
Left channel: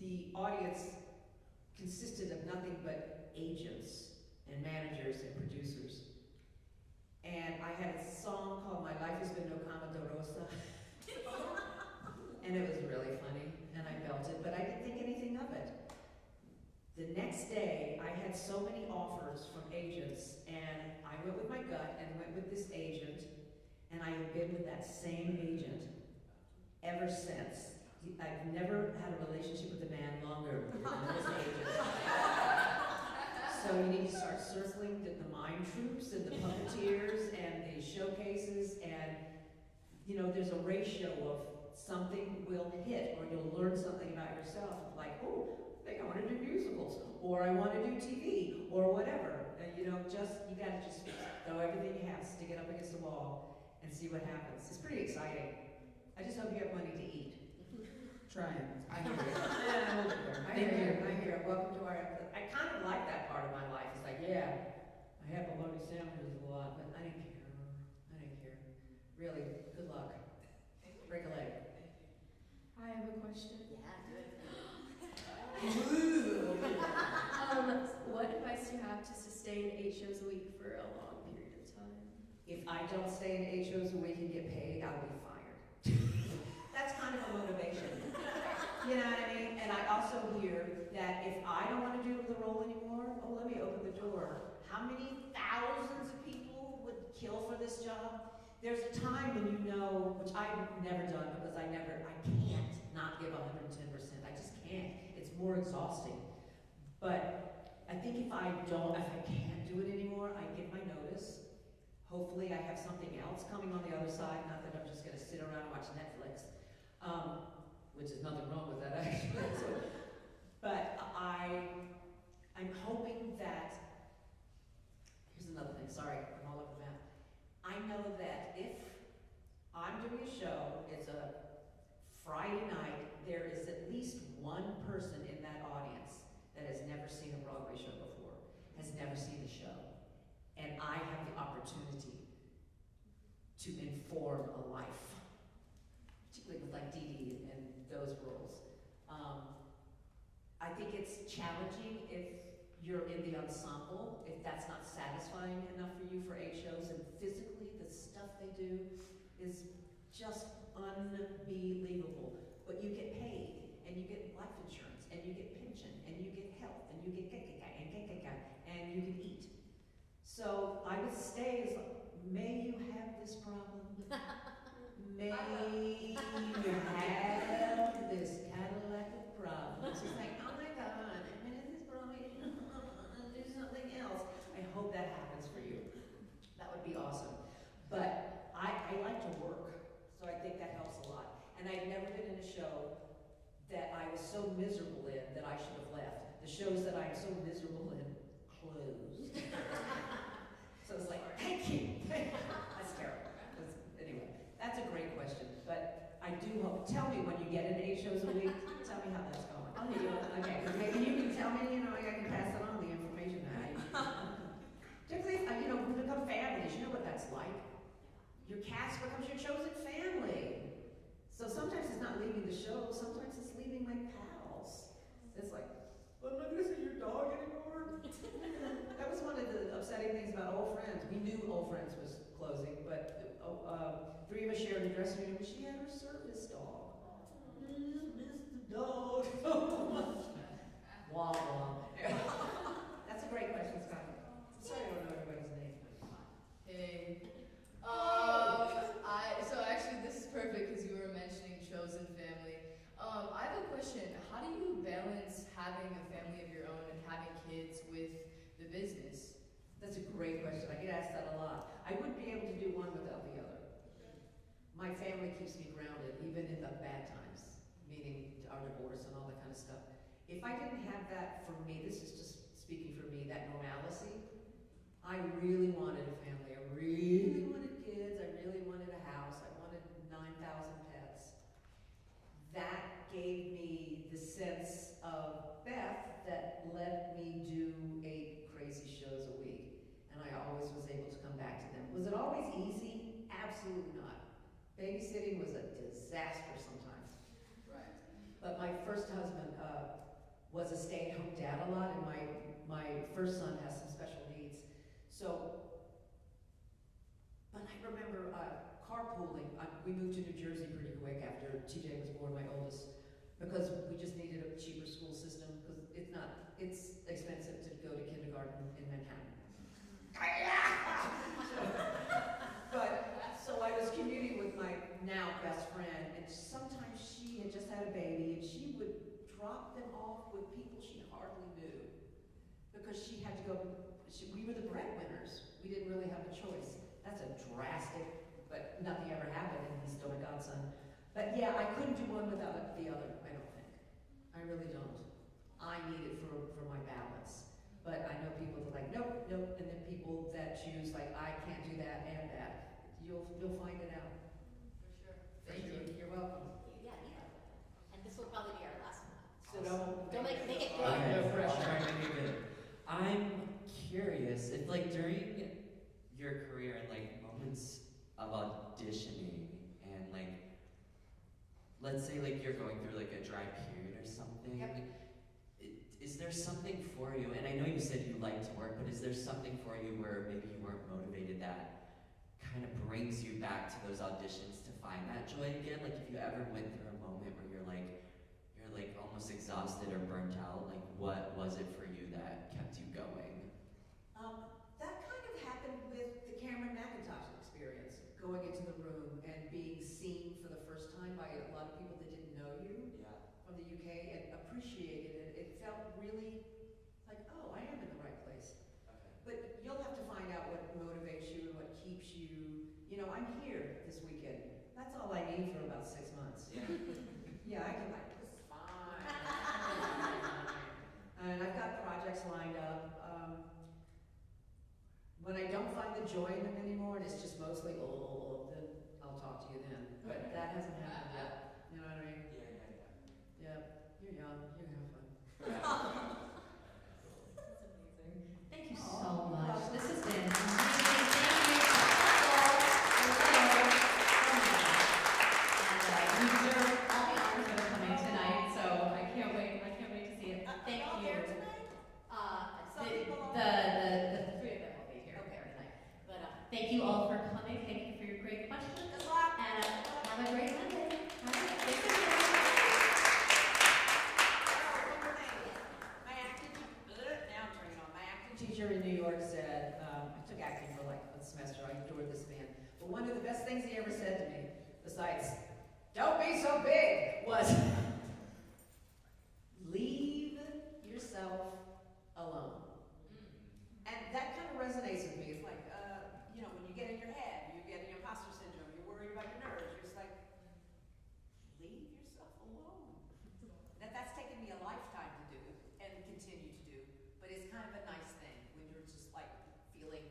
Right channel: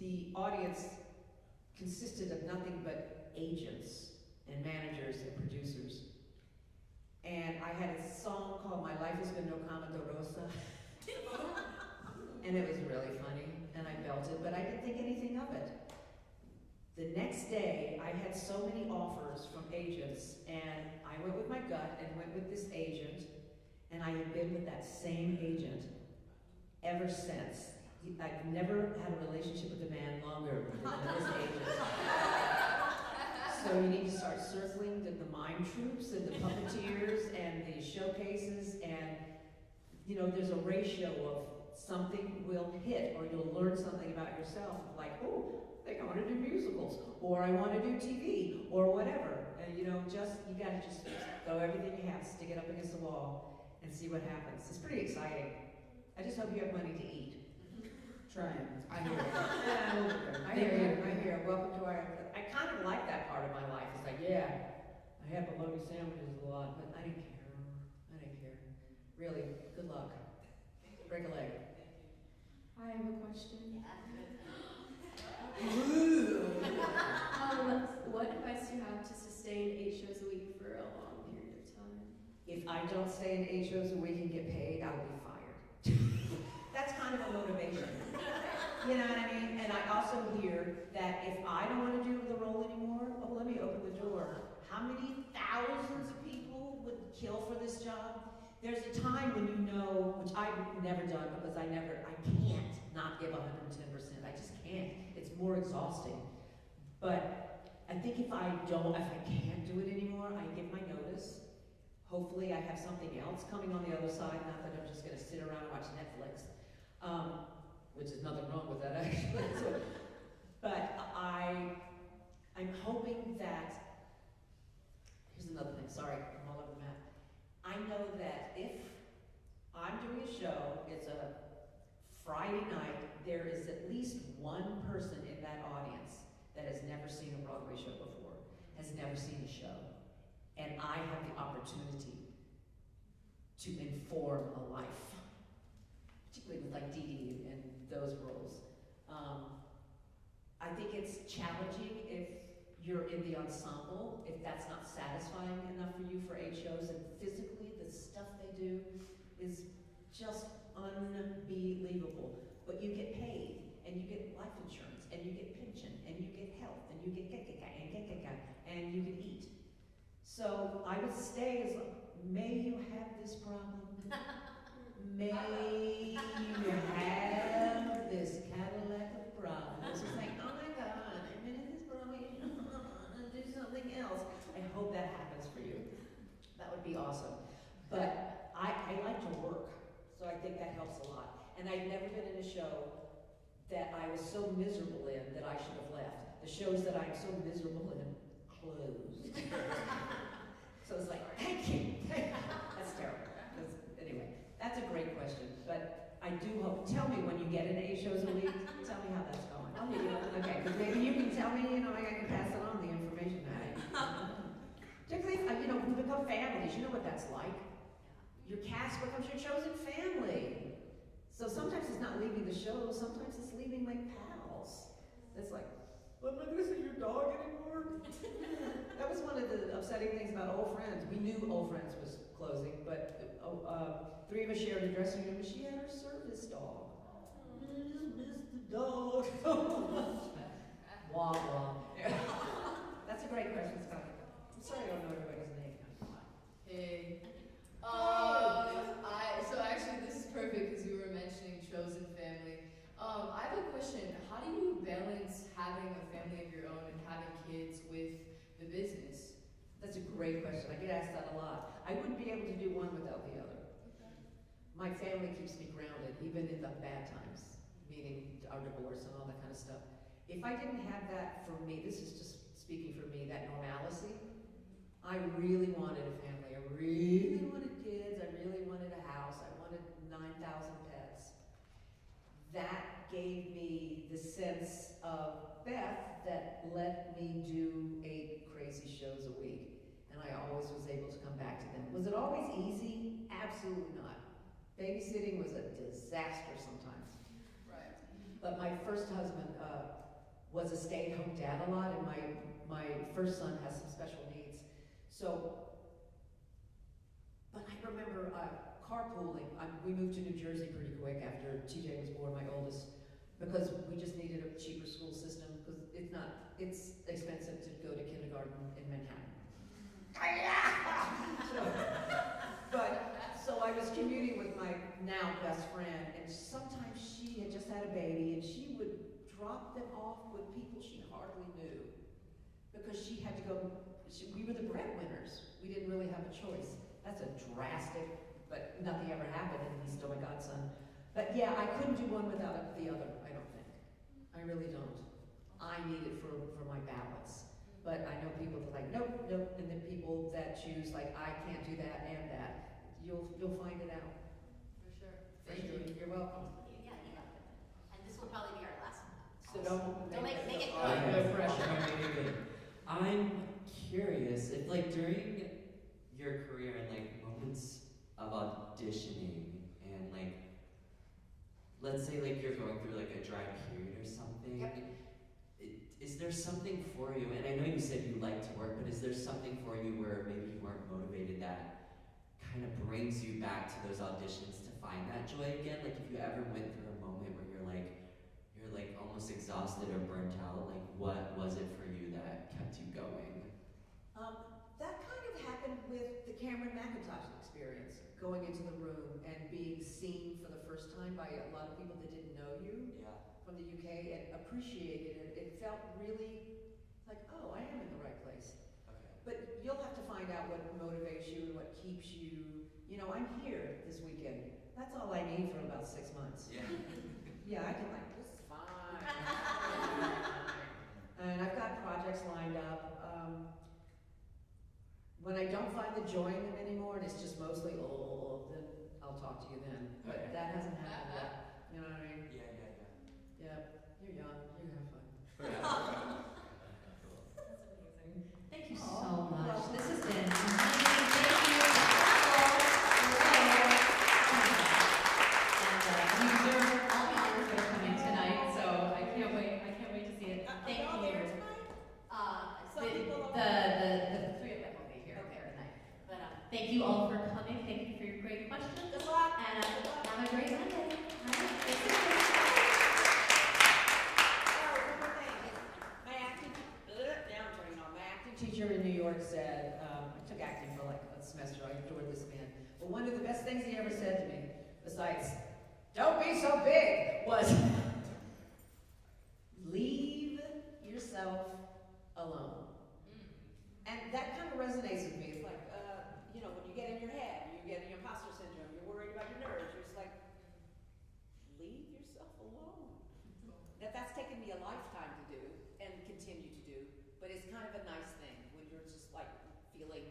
The audience consisted of nothing but agents and managers and producers. And I had a song called My Life Has Been No Cama de Rosa. And it was really funny, and I belted, but I didn't think anything of it. The next day, I had so many offers from agents, and I went with my gut and went with this agent, and I have been with that same agent ever since. I've never had a relationship with a man longer than this agent. So you need to start circling the mime troops and the puppeteers and the showcases, and there's a ratio of something will hit, or you'll learn something about yourself, like, oh, I think I want to do musicals, or I want to do TV, or whatever. And you gotta just throw everything you have, stick it up against the wall, and see what happens. It's pretty exciting. I just hope you have plenty to eat. Trying. I hear you. Yeah, I hear you. Welcome to our. I kind of like that part of my life. It's like, yeah, I have bologna sandwiches a lot, but I didn't care. Really, good luck. Break a leg. I have a question. What advice do you have to sustain 8 shows a week for a long period of time? If I don't stay in 8 shows a week and get paid, I'll be fired. That's kind of a motivation. You know what I mean? And I also hear that if I don't want to do the role anymore, let me open the door. How many thousands of people would kill for this job? There's a time when which I've never done because I can't not give 110%. I just can't. It's more exhausting. But I think if I can't do it anymore, I give my notice. Hopefully I have something else coming on the other side, not that I'm just going to sit around and watch Netflix, which is nothing wrong with that actually. But I'm hoping that, here's another thing, sorry, I'm all over the map. I know that if I'm doing a show, it's a Friday night, there is at least one person in that audience that has never seen a Broadway show before, has never seen a show. And I have the opportunity to inform a life, particularly with like Dee Dee and those roles. I think it's challenging if you're in the ensemble, if that's not satisfying enough for you for 8 shows, and physically the stuff they do is just unbelievable. But you get paid, and you get life insurance, and you get pension, and you get health, and you get and you can eat. So I would stay as long, may you have this problem. May you have this Cadillac of problems. It's like, oh my God, I'm in this problem, do something else. I hope that happens for you. That would be awesome. But I like to work, so I think that helps a lot. And I've never been in a show that I was so miserable in that I should have left. The shows that I'm so miserable in closed. So it's like, thank you. That's terrible. Anyway, that's a great question. But I do hope, tell me when you get into 8 shows a week, tell me how that's going. I'll hit you up. Okay, because maybe you can tell me, I can pass it on, the information that particularly, we become families, you know what that's like. Your cast becomes your chosen family. So sometimes it's not leaving the show, sometimes it's leaving like pals. It's like, I'm not gonna see your dog anymore. That was one of the upsetting things about Old Friends. We knew Old Friends was closing, but 3 of us shared a dressing room, and she had her service dog. Just miss the dog so much. Wah wah. That's a great question, Scott. I'm sorry I don't know everybody's name. Hey. So actually this is perfect because you were mentioning chosen family. I have a question. How do you balance having a family of your own and having kids with the business? That's a great question. I get asked that a lot. I wouldn't be able to do one without the other. My family keeps me grounded, even in the bad times, meaning our divorce and all that kind of stuff. If I didn't have that for me, this is just speaking for me, that normalcy, I really wanted a family. I really wanted kids. I really wanted a house. I wanted 9,000 pets. That gave me the sense of Beth that let me do 8 crazy shows a week. And I always was able to come back to them. Was it always easy? Absolutely not. Babysitting was a disaster sometimes. Right. But my first husband was a stay-at-home dad a lot, and my first son has some special needs. So, but I remember carpooling. We moved to New Jersey pretty quick after TJ was born, my oldest, because we just needed a cheaper school system, because it's expensive to go to kindergarten in Manhattan. So I was commuting with my now best friend, and sometimes she had just had a baby, and she would drop them off with people she hardly knew, because she had to go. We were the breadwinners. We didn't really have a choice. That's a drastic, but nothing ever happened, and he's still my godson. But yeah, I couldn't do one without the other, I don't think. I really don't. I need it for my balance. But I know people that are like, nope, and then people that choose, like, I can't do that and that. You'll find it out. For sure. Thank you. You're welcome. Yeah, and this will probably be our last one. So don't make it All right, no I'll pressure. try to make it good. I'm curious if, like, during your career and like moments of auditioning and like, let's say like you're going through like a dry period or something. Yep. Is there something for you? And I know you said you like to work, but is there something for you where maybe you weren't motivated that kind of brings you back to those auditions to find that joy again? Like if you ever went through a moment where you're like almost exhausted or burnt out, like what was it for you that kept you going? That kind of happened with the Cameron McIntosh experience, going into the room and being seen for the first time by a lot of people that didn't know you from the UK and appreciated it. It felt really like, oh, I am in the right place. Okay. But you'll have to find out what motivates you and what keeps you. I'm here this weekend. That's all I need for about 6 months. Yeah. Yeah, I can like, this is fine. And I've got projects lined up. When I don't find the joy in them anymore, and it's just mostly, then I'll talk to you then. But that hasn't happened yet. You know what I mean? Yeah. Yeah, you're young. You have fun. That's amazing. Thank you Aw, so much. welcome. This has been amazing. Thank you. And you deserve all the honors that are coming tonight. So I can't wait. I can't wait to see it. Thank you. thank you all for coming. Thank you for your great questions. Good luck. And have a great Monday. All right. Thank you. Oh, one more thing. My acting, now I'm turning on. My acting teacher in New York said, I took acting for like a semester. I adored this man. But one of the best things he ever said to me, besides, don't be so big, was leave yourself alone. And that kind of resonates with me. It's like, when you get in your head, you get an imposter syndrome, you're worried about your nerves, you're just like, leave yourself alone. That's taken me a lifetime to do and continue to do, but it's kind of a nice thing when you're just like feeling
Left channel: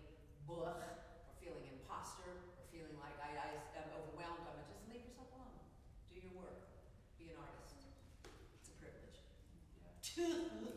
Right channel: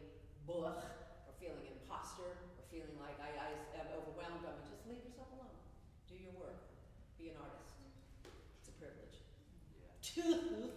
or feeling imposter, or feeling like I am overwhelmed. I'm just leave yourself alone. Do your work. Be an artist. It's a privilege. Yeah.